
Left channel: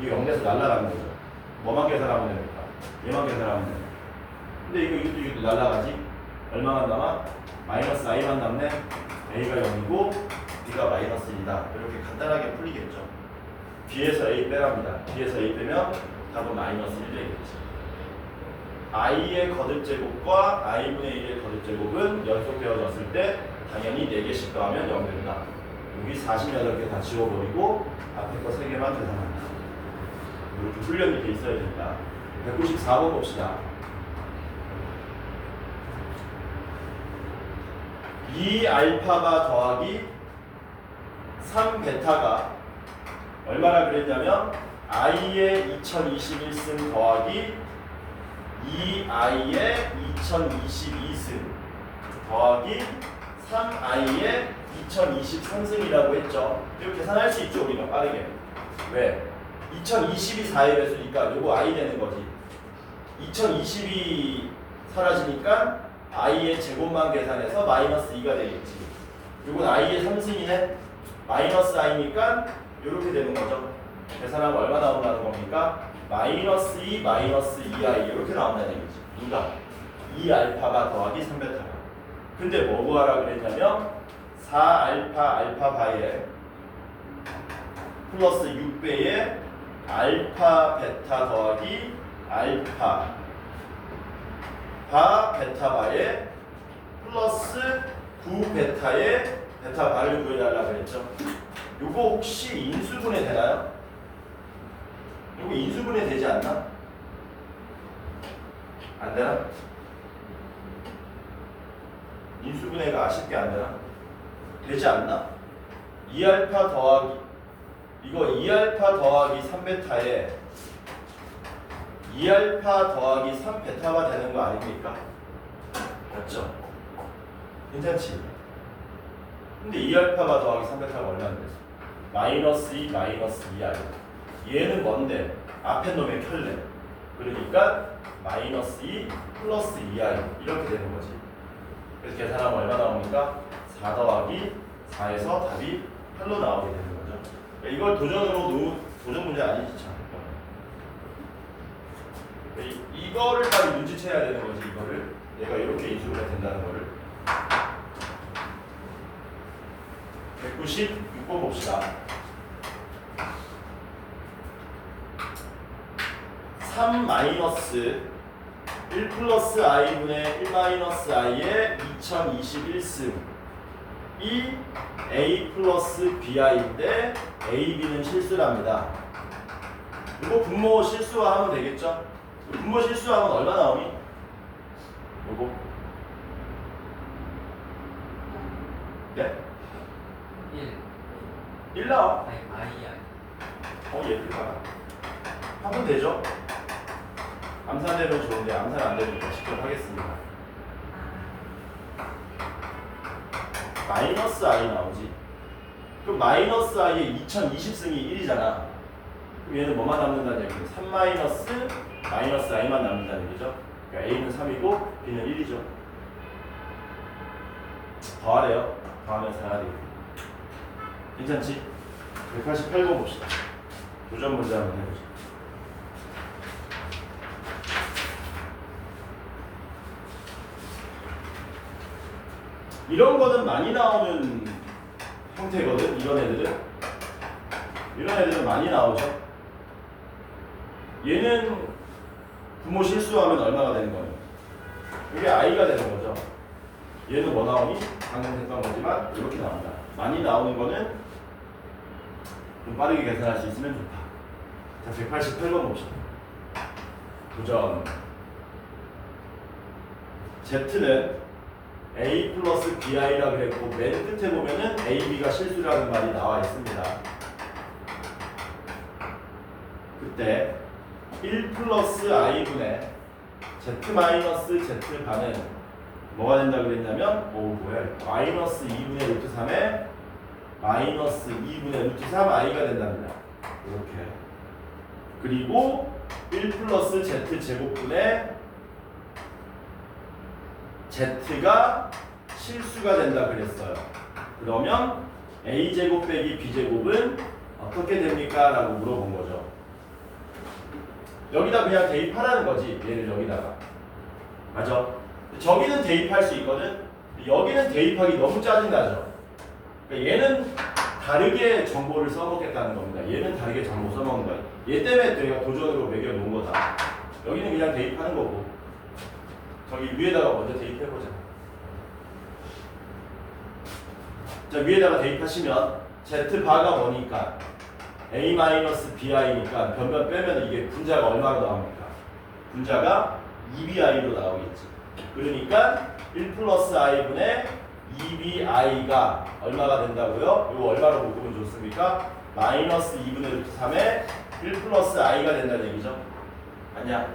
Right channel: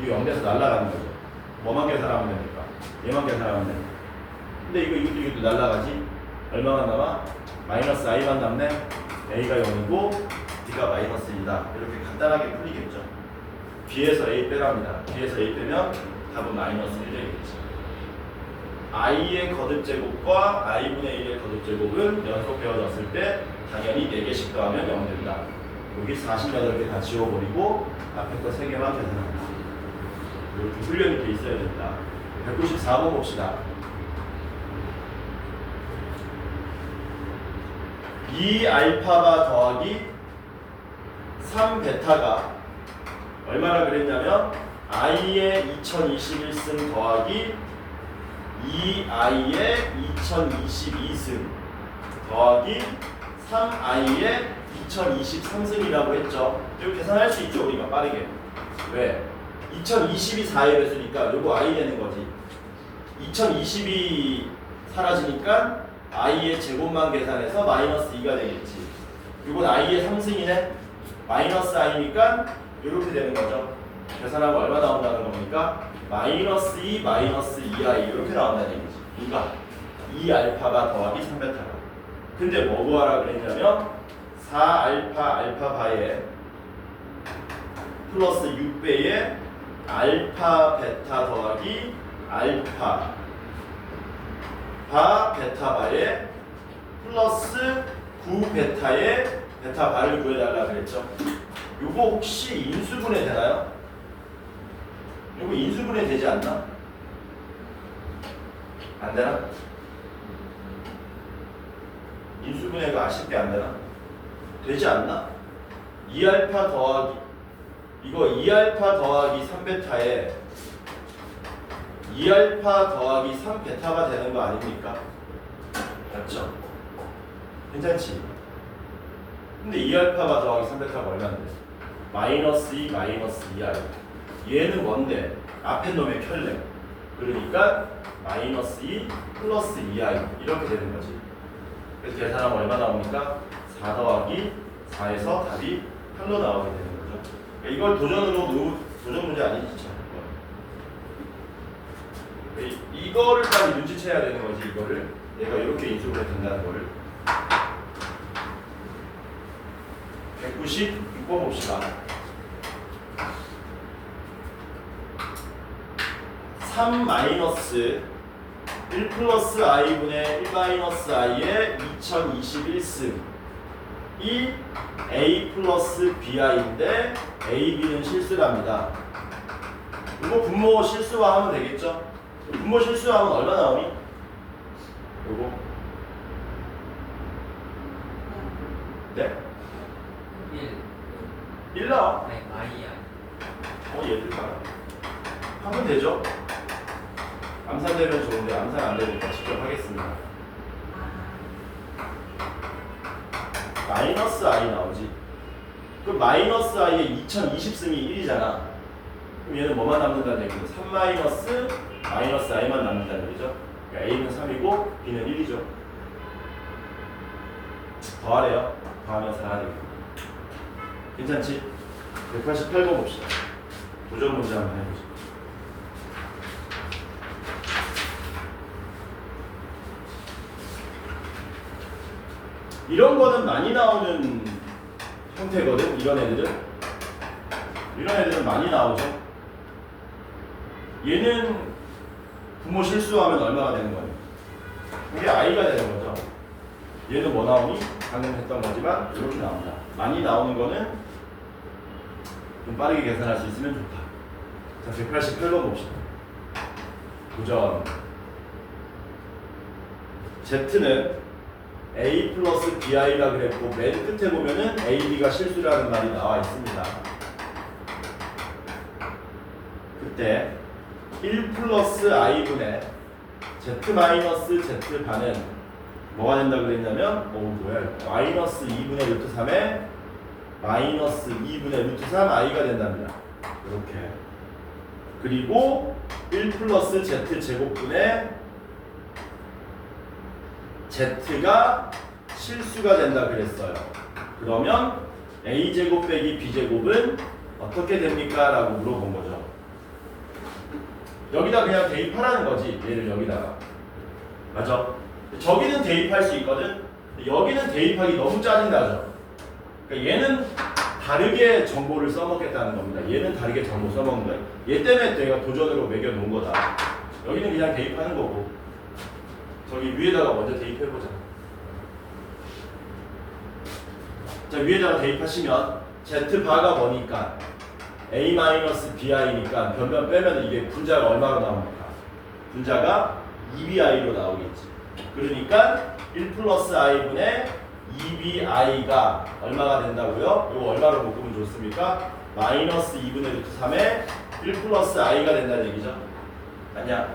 이게 0에서 날아가는 거죠. 뭐만 계산하면 됩니까? 얘만 계산하면 됩니다. 근데 이것도 날아가지? 얼마만 남아? 마이너스 I만 남네? A가 0이고 B가 마이너스 2다. 이렇게 간단하게 풀리겠죠. B에서 A 빼랍니다. B에서 A 빼면 답은 마이너스 1 되겠지. I의 거듭제곱과 I분의 1의 거듭제곱은 연속되어졌을 때 당연히 4개씩 더하면 0 된다. 여기 48개 다 지워버리고 앞에 거 3개만 계산합니다. 이렇게 훈련이 돼 있어야 됩니다. 194번 봅시다. 2알파가 더하기 3베타가 얼마나 그랬냐면 i의 2021승 더하기 2i의 2022승 더하기 3i의 2023승이라고 했죠. 이거 계산할 수 있죠 우리가 빠르게. 왜? 2020이 4에 했으니까 요거 i 되는 거지. 2020이 사라지니까 i의 제곱만 계산해서 마이너스 2가 되겠지. 이건 i의 3승이네. 마이너스 i니까 이렇게 되는 거죠. 계산하면 얼마 나온다는 겁니까? 마이너스 2 마이너스 2i 이렇게 나온다는 얘기지. 그러니까 2알파가 더하기 3베타가. 근데 뭐 구하라 그랬냐면 4알파 알파바에 플러스 6배의 알파 베타 더하기 알파 바 베타바에 플러스 9베타의 베타바를 구해달라 그랬죠. 요거 혹시 인수분해 되나요? 요거 인수분해 되지 않나? 안 되나? 인수분해가 아쉽게 안 되나? 되지 않나? 2알파 더하기 이거 2알파 더하기 3베타에 2알파 더하기 3베타가 되는 거 아닙니까? 맞죠? 괜찮지? 근데 2알파가 더하기 3베타가 얼마인데? 마이너스 2 마이너스 2i. 얘는 뭔데? 앞에 놈의 켤레. 그러니까 마이너스 2 플러스 2i 이렇게 되는 거지. 그래서 계산하면 얼마 나옵니까? 4 더하기 4에서 답이 8로 나오게 되는 거죠. 이걸 도전 문제 아니지 참. 이거를 빨리 눈치채야 되는 거지. 이거를 얘가 이렇게 인수분해 된다는 거를. 196번 봅시다. 3 마이너스 1 플러스 i분의 1 마이너스 i의 2021승 이 a 플러스 bi인데 a, b는 실수랍니다. 이거 분모 실수화하면 되겠죠? 분모 실수하면 얼마 나오니? 요거 네? 1 나와. 아니 I야. 얘들 봐라. 하면 되죠. 암산되면 좋은데 암산 안 되니까 직접 하겠습니다. 마이너스 I 나오지. 그럼 마이너스 I의 2020승이 1이잖아. 그럼 얘는 뭐만 남는다는 얘기죠? 3 마이너스 I만 남는다는 얘기죠. 그러니까 A는 3이고 B는 1이죠. 더하래요. 더하면서 하나 되겠다. 괜찮지? 188번 봅시다. 도전 문제 한번 해보자. 이런 거는 많이 나오는 형태거든. 이런 애들은 많이 나오죠. 얘는 부모 실수하면 얼마가 되는 거예요? 이게 I가 되는 거죠. 얘는 뭐 나오니? 방금 했던 거지만 이렇게 나온다. 많이 나오는 거는 좀 빠르게 계산할 수 있으면 좋다. 자, 188번 봅시다. 도전. Z는 A 플러스 BI라 그랬고 맨 끝에 보면은 AB가 실수라는 말이 나와 있습니다. 그때 1 플러스 I분의 Z 마이너스 Z 반은 뭐가 된다고 그랬냐면 마이너스 2분의 루트 3에 마이너스 2분의 루트 3 I가 된답니다. 이렇게. 그리고 1 플러스 Z 제곱분의 Z가 실수가 된다 그랬어요. 그러면 A제곱 빼기 B제곱은 어떻게 됩니까? 라고 물어본 거죠. 여기다 그냥 대입하라는 거지. 얘를 여기다가. 맞아? 저기는 대입할 수 있거든. 여기는 대입하기 너무 짜증나죠. 그러니까 얘는 다르게 정보를 써먹겠다는 겁니다. 얘는 다르게 정보 써먹는 거야. 얘 때문에 내가 도전으로 매겨놓은 거다. 여기는 그냥 대입하는 거고. 저기 위에다가 먼저 대입해보자. 자, 위에다가 대입하시면 Z바가 뭐니까 A-BI니까 변변 빼면 이게 분자가 얼마로 나옵니까? 분자가 2BI로 나오겠지. 그러니까 1 플러스 I분의 2BI가 얼마가 된다고요? 이거 얼마로 묶으면 좋습니까? 마이너스 2분의 루트 3에 1 플러스 I가 된다는 얘기죠. 아니야.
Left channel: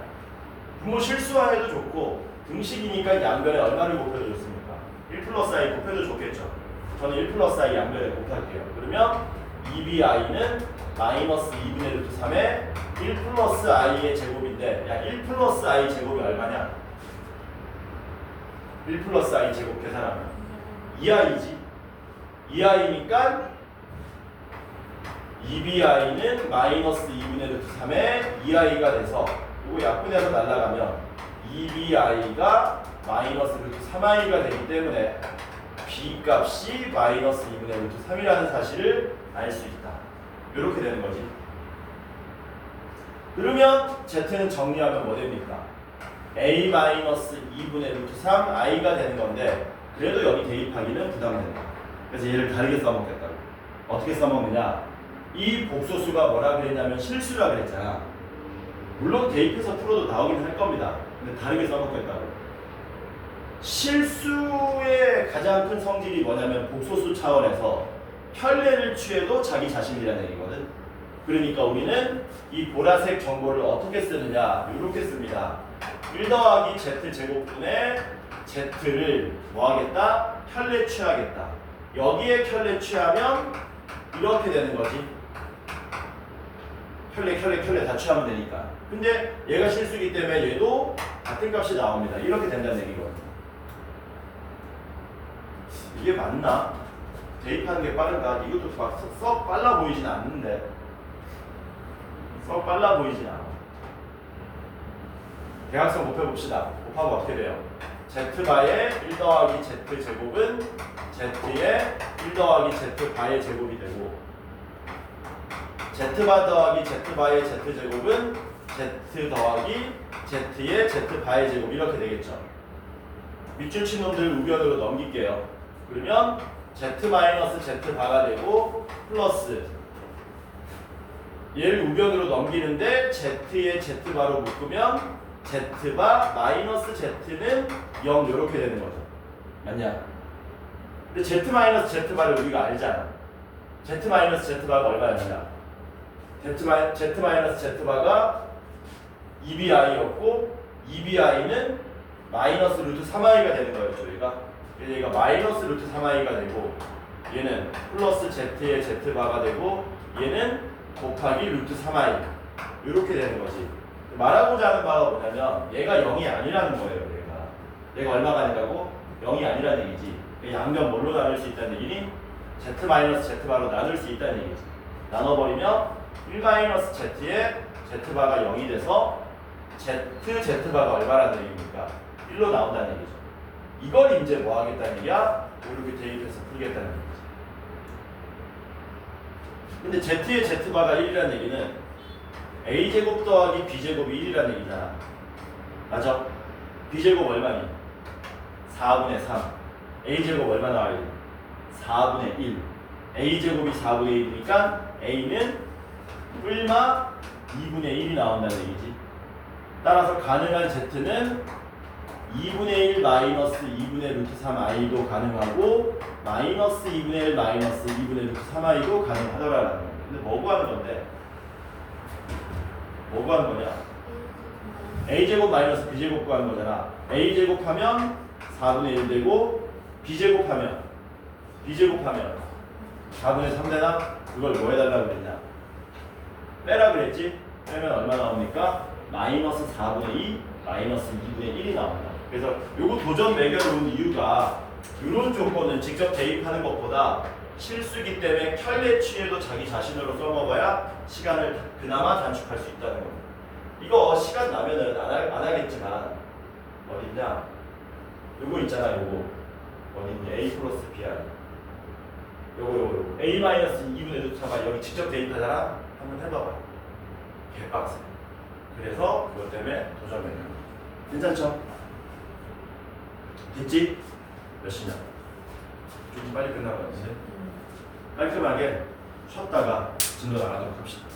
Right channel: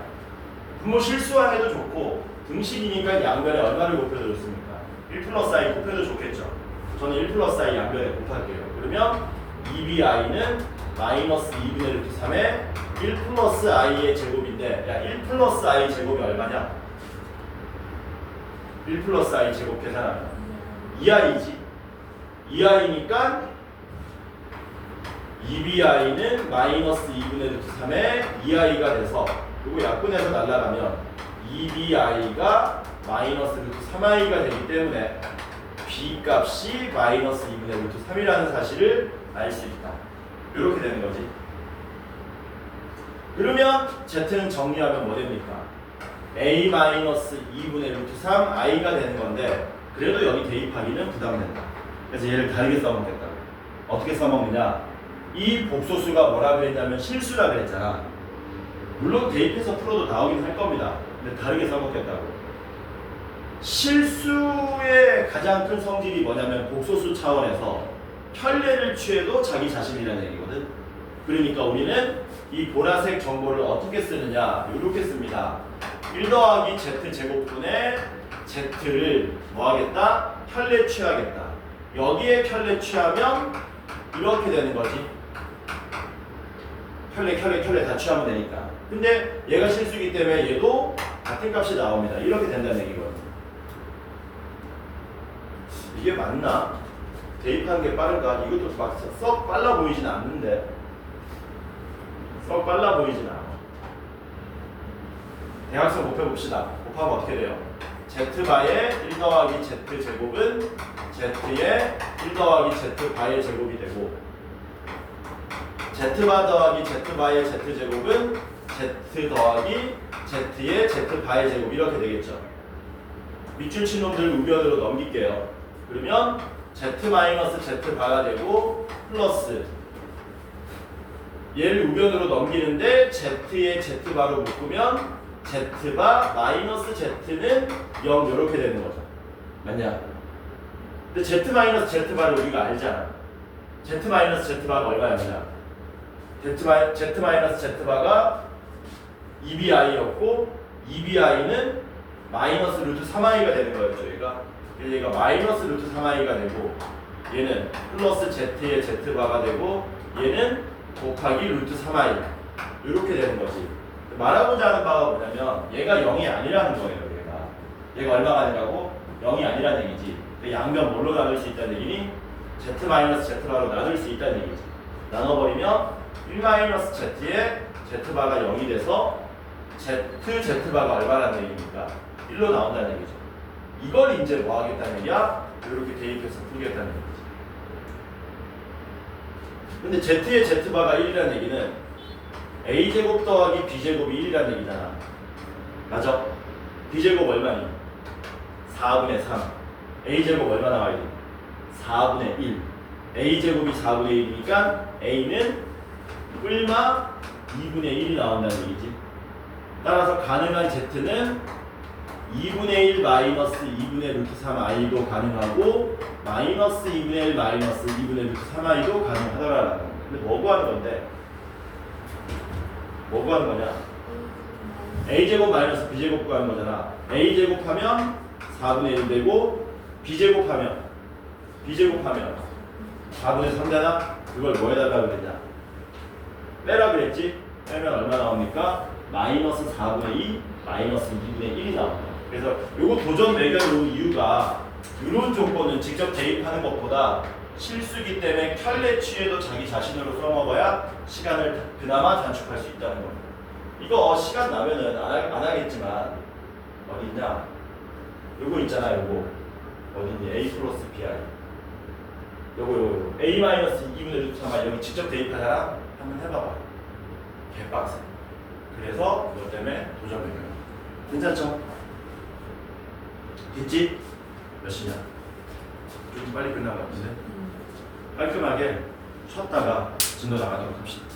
부모 실수해도 좋고 등식이니까 양변에 얼마를 곱해도 좋습니까? 1 플러스 I 곱해도 좋겠죠. 저는 1 플러스 I 양변에 곱할게요. 그러면 2BI는 마이너스 2분의 루트 3에 1 플러스 I의 제곱인데 야 1 플러스 I 제곱이 얼마냐? 1 플러스 I 제곱 계산하면 2i지. 2i니까 2bi는 마이너스 2분의 루트 3에 2i가 돼서 그리고 약분해서 날라가면 2bi가 마이너스 루트 3i가 되기 때문에 b 값이 마이너스 2분의 루트 3이라는 사실을 알 수 있다. 이렇게 되는 거지. 그러면 z는 정리하면 뭐 됩니까? a 마이너스 2분의 루트 3i가 되는 건데 그래도 여기 대입하기는 부담된다. 그래서 얘를 다르게 써먹겠다고. 어떻게 써먹느냐? 이 복소수가 뭐라 그랬냐면 실수라 그랬잖아. 물론 대입해서 풀어도 나오긴 할 겁니다. 근데 다르게 써먹겠다고. 실수의 가장 큰 성질이 뭐냐면 복소수 차원에서 편례를 취해도 자기 자신이라는 얘기거든. 그러니까 우리는 이 보라색 정보를 어떻게 쓰느냐 이렇게 씁니다. 1 더하기 z 제곱분의 z를 뭐 하겠다? 편례 취하겠다. 여기에 편례 취하면 이렇게 되는 거지. 편례 다 취하면 되니까. 근데 얘가 실수이기 때문에 얘도 같은 값이 나옵니다. 이렇게 된다는 얘기거든요. 이게 맞나? 대입하는 게 빠를까? 이것도 막 썩 빨라 보이진 않는데. 썩 빨라 보이진 않아. 대각선 곱해봅시다. 곱하면 어떻게 돼요? z바의 1 더하기 z 제곱은 z의 1 더하기 z바의 제곱이 되고 z바 더하기 z바의 z 제곱은 z 더하기 z의 z바의 제곱 이렇게 되겠죠. 밑줄 친 놈들 우변으로 넘길게요. 그러면 z-z바가 되고 플러스 얘를 우변으로 넘기는데 z의 z바로 묶으면 z바 마이너스 z는 0 이렇게 되는 거죠. 맞냐? 근데 z-z바를 우리가 알잖아. z 마이너스 z바가 얼마였냐? z 마이너스 z바가 2bi였고 2bi는 마이너스 루트 3i가 되는 거였죠. 얘가 마이너스 루트 3i가 되고 얘는 플러스 z의 z바가 되고 얘는 곱하기 루트 3i 이렇게 되는 거지. 말하고자 하는 바가 뭐냐면 얘가 0이 아니라는 거예요. 얘가 얼마가 아니라고? 0이 아니라는 얘기지. 양변 뭘로 나눌 수 있다는 얘기니? z 마이너스 z바로 나눌 수 있다는 얘기지. 나눠버리면 1 마이너스 z의 z바가 0이 돼서 z바가 얼마라는 얘기입니까? 1로 나온다는 얘기죠. 이걸 이제 뭐 하겠다는 얘기야? 이렇게 대입해서 풀겠다는 얘기지. 근데 z의 z바가 1이라는 얘기는 a제곱 더하기 b제곱이 1이라는 얘기잖아. 맞아? b제곱 얼마니? 4분의 3. a제곱 얼마 나와야 돼? 4분의 1. a제곱이 4분의 1이니까 a는 뿔마 2분의 1이 나온다는 얘기지. 따라서 가능한 z는 2분의 1 마이너스 2분의 루트 3i도 가능하고 마이너스 2분의 1 마이너스 2분의 루트 3i도 가능하더라라는 거. 근데 뭐 구하는 건데? 뭐 구하는 거냐? a제곱 마이너스 b제곱 구하는 거잖아. a제곱하면 4분의 1 되고 b제곱하면 4분의 3 되나? 그걸 뭐 해달라고 그랬냐? 빼라 그랬지? 빼면 얼마 나옵니까? 마이너스 4분의 2 마이너스 2분의 1이 나온다. 그래서 요거 도전 매겨놓은 이유가 이런 조건은 직접 대입하는 것보다 실수기 때문에 켤레취해도 자기 자신으로 써먹어야 시간을 그나마 단축할 수 있다는 겁니다. 이거 시간 나면은 안 하겠지만 어딨냐? 요거 있잖아. 요거 어딨니? a 플러스 br 요거 a 마이너스 2분의 루트 3 여기 직접 대입하잖아. 한번 해봐봐. 개빡세. 그래서 그것 때문에 도전 매겨요. 괜찮죠? 됐지? 몇 시냐? 좀 빨리 끝나고 있는데 깔끔하게 쉬었다가 진도 나가도록 합시다.